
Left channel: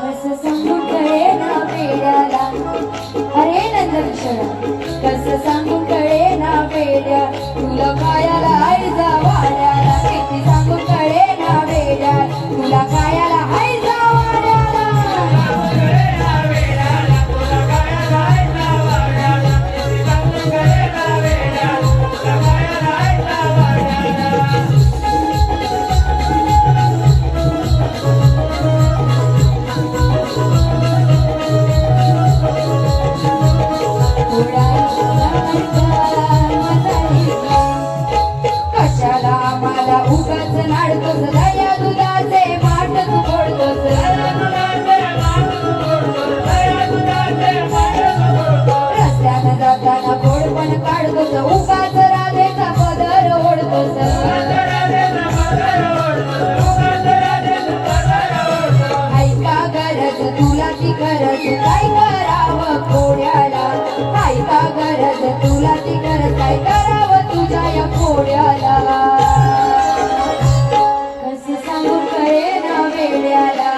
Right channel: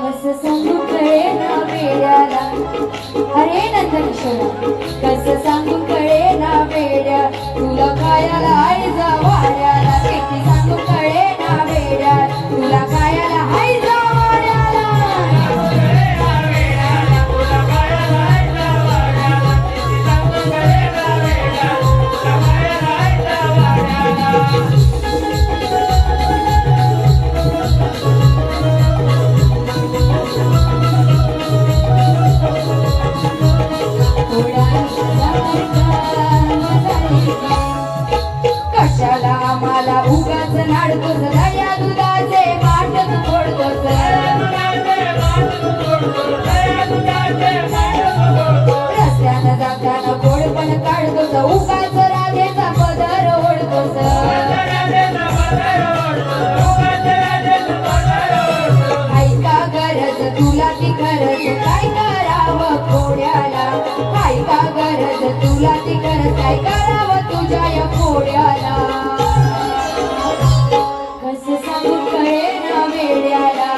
कसं सांगून कळे ना वेड्याला, अरे नंद किशोरा. कसं सांगून कळे ना वेड्या, तुला खायला हाय वाड्याला. किती सांगून कळे ना वेड्या, तुला खायला हाय वाड्याला. तुला खायला हाय वाड्याला. किती सांगून कळे ना वेड्या. राजाचा पदर ओढतोस ऐका गरज तुला ती गरज काय करावं खोड्याला ऐका गरज तुला ती गरज काय करावं तुझ्या या खोड्याला कसं सांगू कळे ना वेड्याला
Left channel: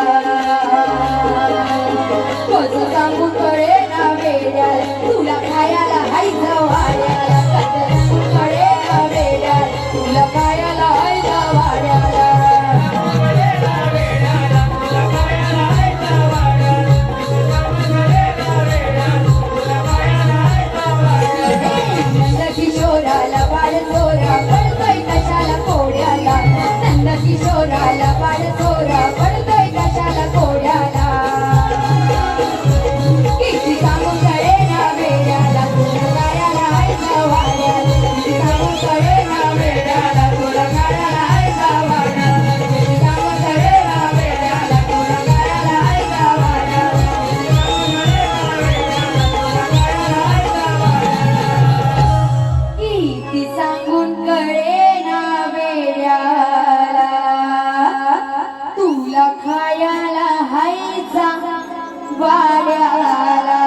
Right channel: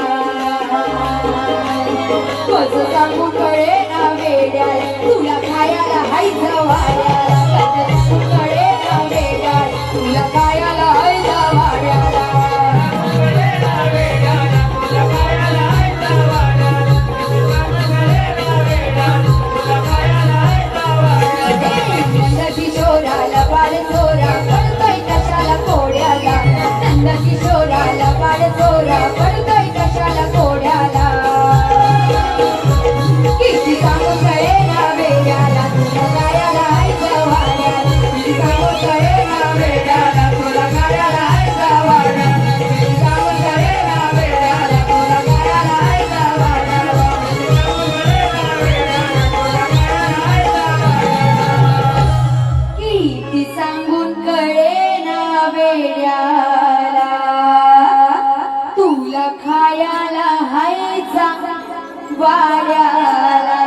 कसं सांगू कळे ना वेड्याला तुला खायला हायच वाड्याला कसं सांगू कळे ना वेड्याला तुला खायला हायच वाड्याला किशोराला बाळ चोरा पडतोय कशाला कोड्याला नंद किशोराला बाळ चोरा पडतोय कशाला कोड्याला किती सांगू कळे ना वेड्याला तुला गायाला हायचा वाड्याला किती सांगू कळे ना वेड्याला तुला गायाला हायचा वाड्याला किती सांगू कळे ना वेड्याला तुला गायाला हायचा वाड्याला किती सांगून कळे ना वेड्याला तुला खायला हायचा वाड्याला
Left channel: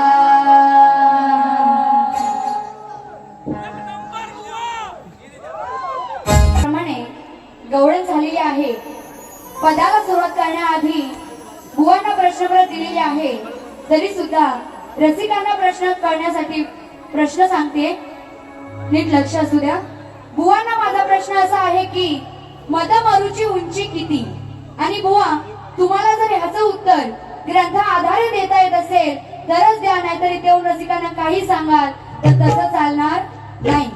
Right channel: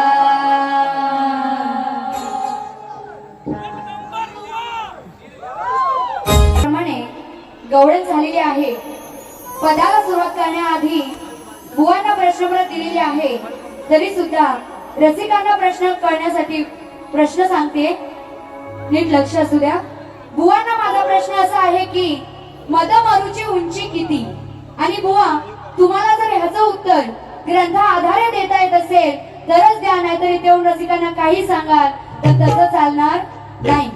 प्रमाणे गवळण झालेली आहे पदाला सुरुवात करण्याआधी बुवांना प्रश्नपत्र दिलेले आहे तरी सुद्धा रसिकांना प्रश्न करण्यासाठी प्रश्न सांगते नीट लक्ष असू द्या बुवांना माझा प्रश्न असा आहे की मदमरुची उंची किती आणि बुवा तुम्हाला जर ह्याचं उत्तर ग्रंथा आधारे देता येत असेल तरच द्या नाहीतरी तेवढं रसिकांना काही सांगाल तर तसं चालणार नाही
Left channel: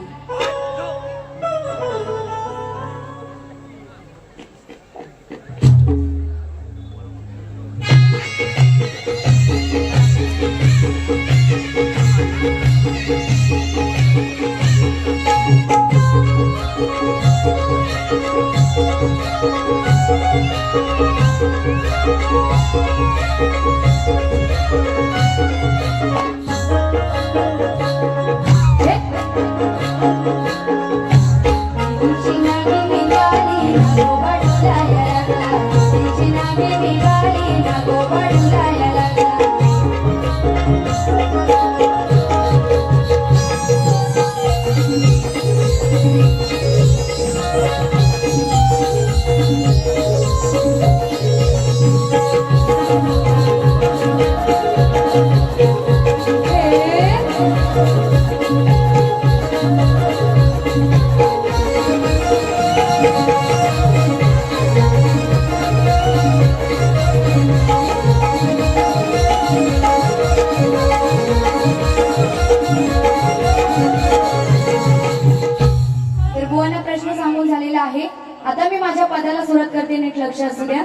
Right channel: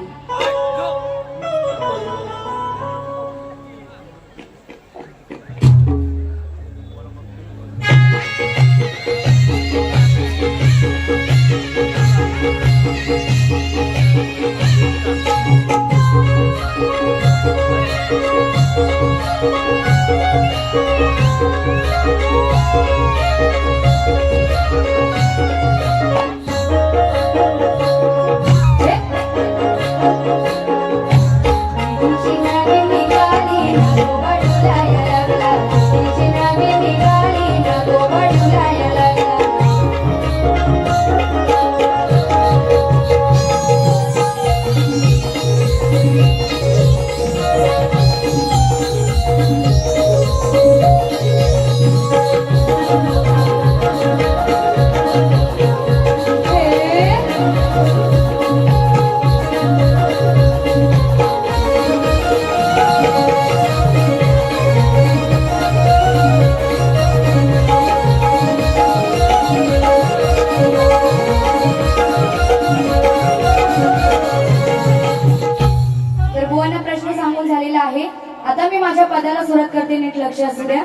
आता मी माझ्या पदाला सुरुवात करते नीट लक्ष असू द्या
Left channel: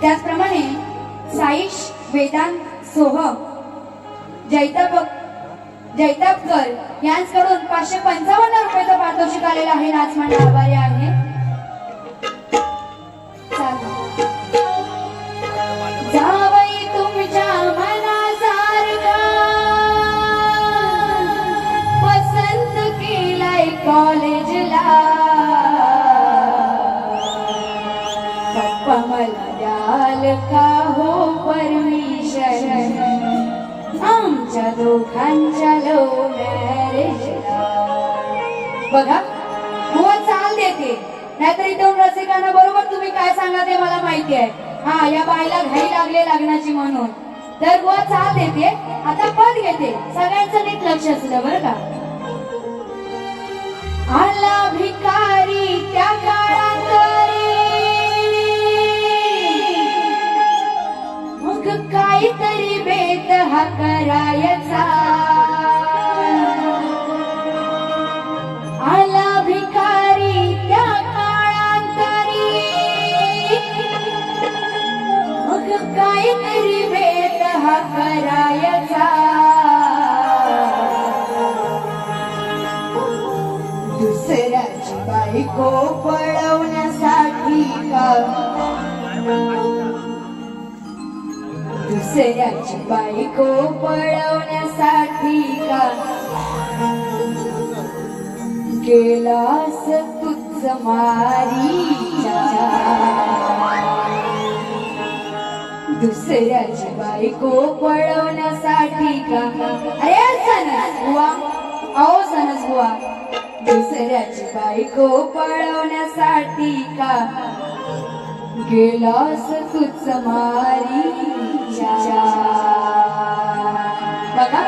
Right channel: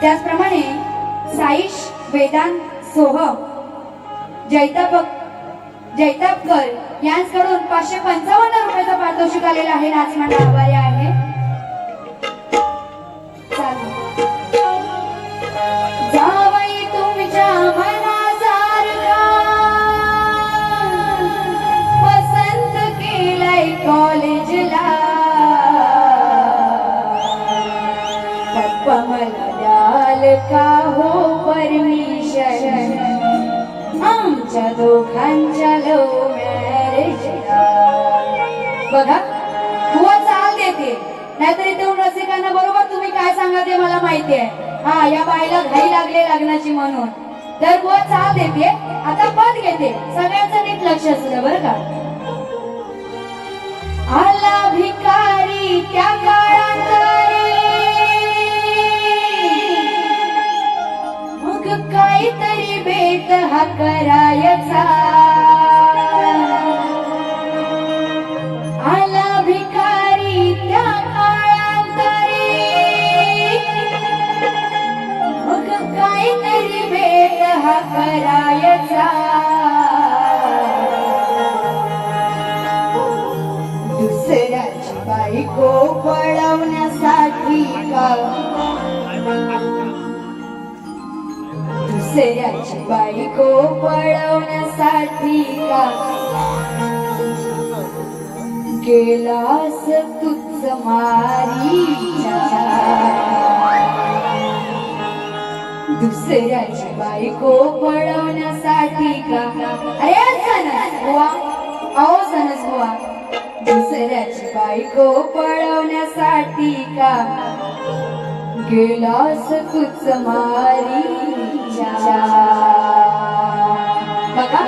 त्याचप्रमाणे साईश वेदांत सोह जैतापकर यांच्याकडून 555 रुपयाचं पारितोषिक आलेलं आहे नाच मंडळ आभारी आहे जावई तुमच्या मनासारखा पसंत केलाय कॉलेजला पप्पा मला द्याल का हो परमिशन आमच्या दोघांच्या लव्ह मॅरेजला बघा बुवा चाल देते नाहीतरी तेवढं रसिकांना बरोबर तुम्ही काय सांगा ते मला माहिती आहे हा या बाईला घाई लागले लग्नाची म्हणून तर बुवा चाल देते आता पद घेते सगळ्यांचं नीट लक्ष असू द्या बरं का आला भिकारी त्या काळात मग काहीतरी बेत हा करायचा आला भिकारी त्या काळांतरी मग काहीतरी बेत हा करायचा दुसऱ्याची बायको पळवण्यासाठी का दुसऱ्याची बायको पळवण्यासाठी का गेलास तुझ मारीच्या दुसऱ्याची बायको पळवण्यासाठी का अरे सनस बुवा अहो सनस बुवा दुसऱ्याची बायको पळवण्यासाठी का गेलास तुझ मारीच्या बघा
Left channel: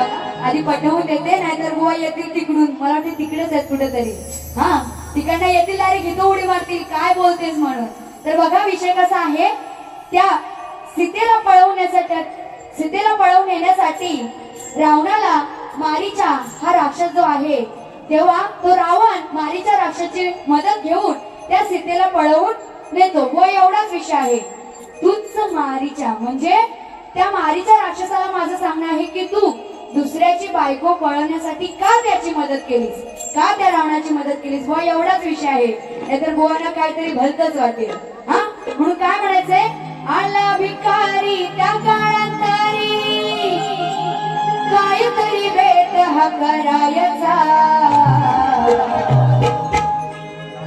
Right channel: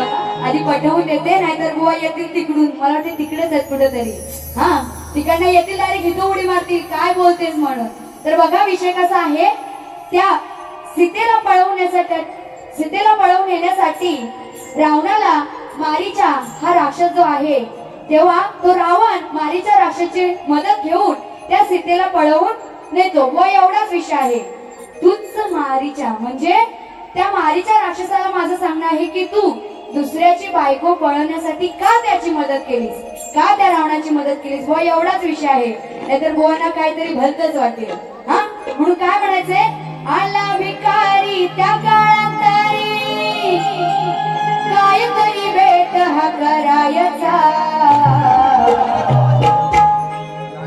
आधी पटवून देते नाहीतर बुवा येतील तिकडून मला वाटते तिकडेच आहेत कुठेतरी हा तिकडनं येतील डायरेक्ट इथं उडी मारतील काय बोलतेस म्हणून तर बघा विषय कसा आहे त्या सीतेला पळवून येण्यासाठी रावणाला मारीचा हा राक्षस जो आहे तेव्हा तो रावण मारीच्या राक्षसाची मदत घेऊन त्या सीतेला पळवून नेतो व एवढाच विषय आहे तूच मारीच्या म्हणजे त्या मारीच्या राक्षसाला माझं सांगणं आहे की तू दुसऱ्याची बायको पळवण्यासाठी का त्याची मदत केलीस का त्या रावणाची मदत केलीस व एवढाच विषय आहे नाहीतर बुवांना काहीतरी भलतच वाटेल हा म्हणून काय म्हणायचंय आला भिकारी त्या काळातारी काहीतरी भेट हा करायचा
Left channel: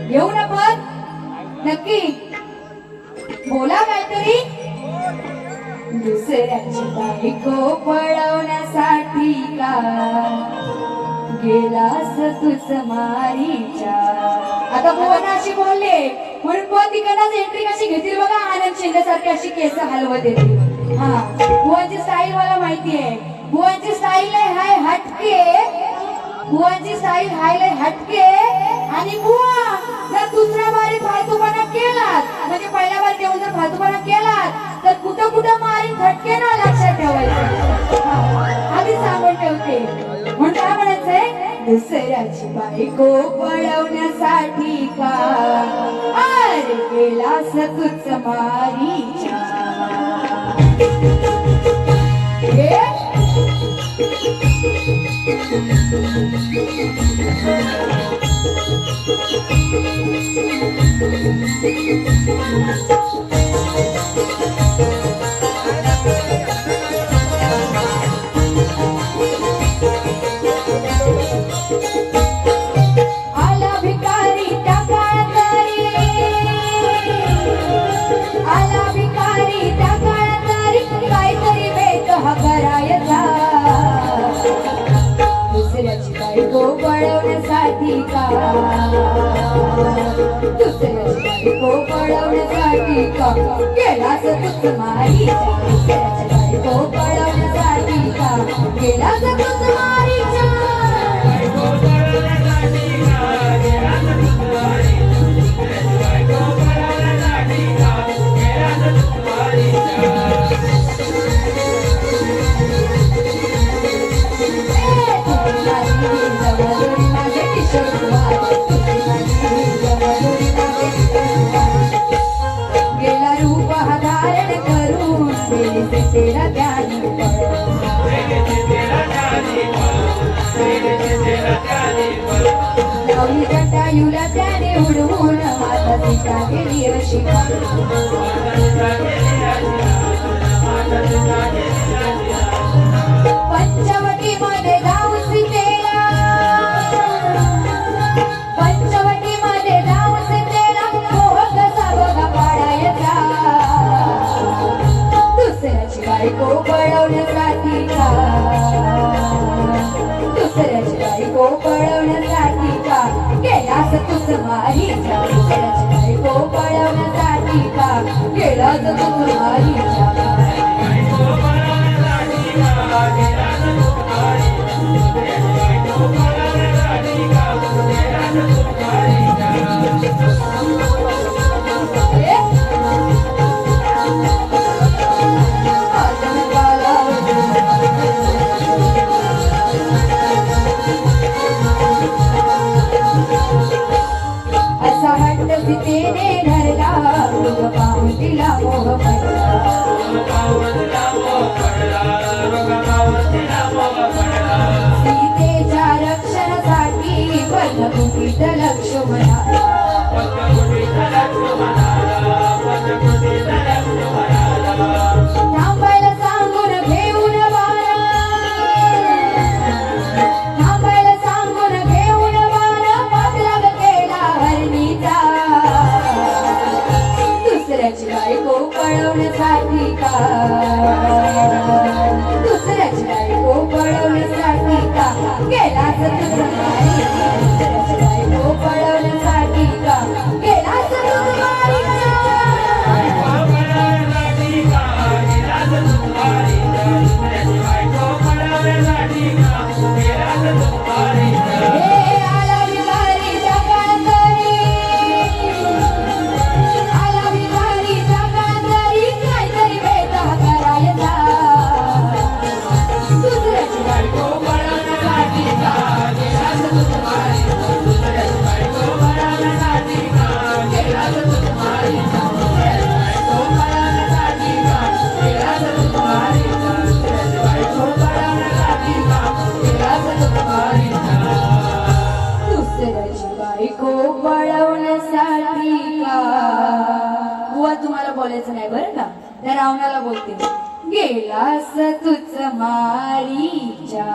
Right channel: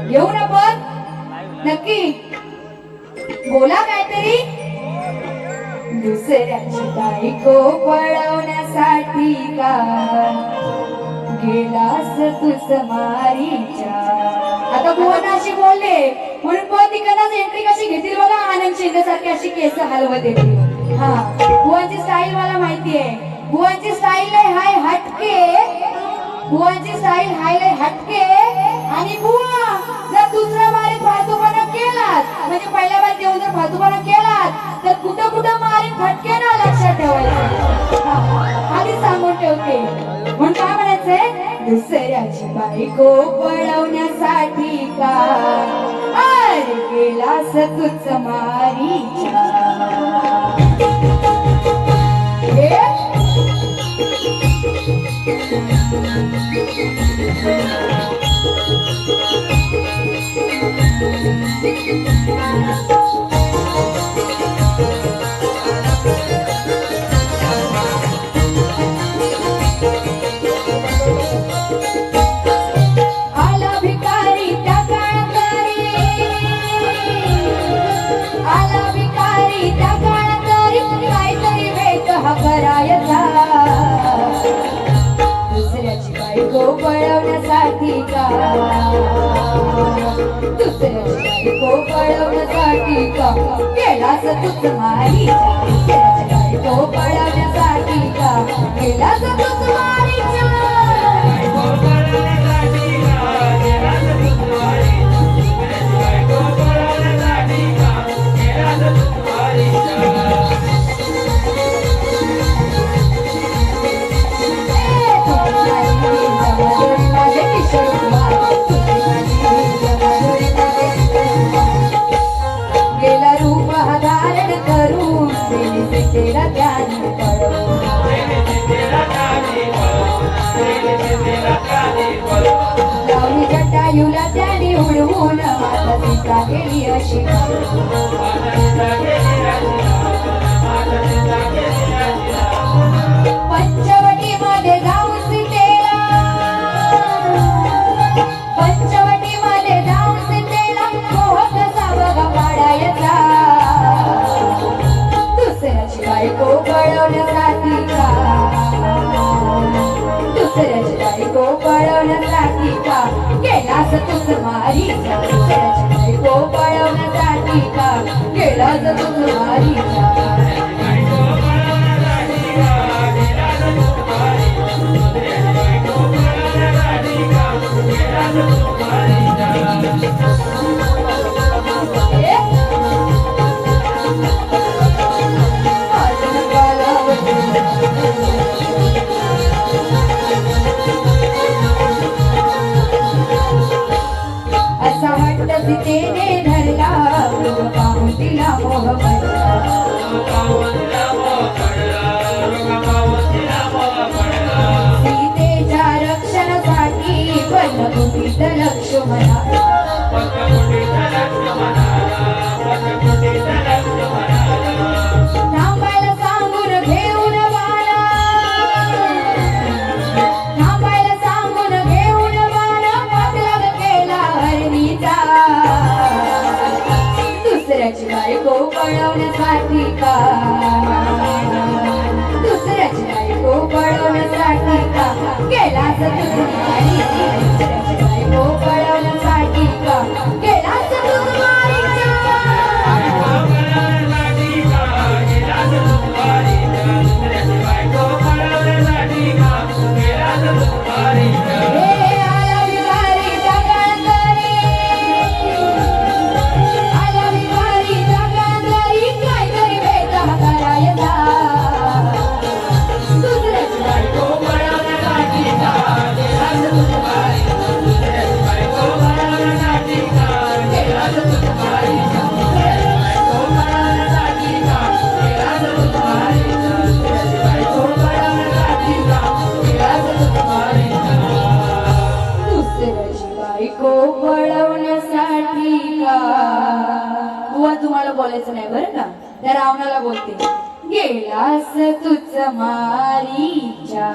येऊ ना पण नक्की बोला काहीतरी दुसऱ्याची बायको पळवण्यासाठी का गेलास तुझ मारीच्या आता बोलण्याशी बोलले म्हणून कोण तिकडनं एंट्री कशी घेतील बघा आनंद शिंदेसारखी अशी केस हलवत येते हा बुवांची स्टाईल मला माहिती आहे बुवांची स्टाईल हाय हटके बुवांची स्टाईल हाय हटके आणि बुवा जर दुसऱ्या बारीत फालतूपणा केलात म्हणजे पहिल्या बारीत येऊन जर फालतूपणा केलात तर कुठं कुठं मारीन फटके ना लक्षात ठेवायचं आधी सांगून ठेवते म्हणून काय म्हणायचंय दुसऱ्याची बायको पळवण्यासाठी का अरे गेलास तुझ मारीच्या आला भिकारी त्या काळातारी आला भिकारी त्या काळातारी काहीतरी भेट हा करायचा दुसऱ्याची बायको पळवण्यासाठी का दुसऱ्याची बायको पळवण्यासाठी का गेलास तुझ मारीच्या दुसऱ्याची बायको पळवण्यासाठी का गेलास तुझ मारीच्या गेला रूप हा धारण करून तेरा ज्ञान लावली जटायूला त्याने उडवून माझा दिशा गेली अशी पंचवटी मध्ये जाऊन सीतेला पंचवटी मध्ये जाऊन सीतेला मोह कसा बघा पाडायचा दुसऱ्याची बायको पळवण्यासाठी का दुसऱ्याची बायको पळवण्यासाठी का गेलास तुझ मारीच्या दुसऱ्याची बायको पळवण्यासाठी का गेलास तुझ मारीच्या असा हट्ट सीतेने धरला पाहून तिला मोह पडला म्हणते गेलास तुझ मारीच्या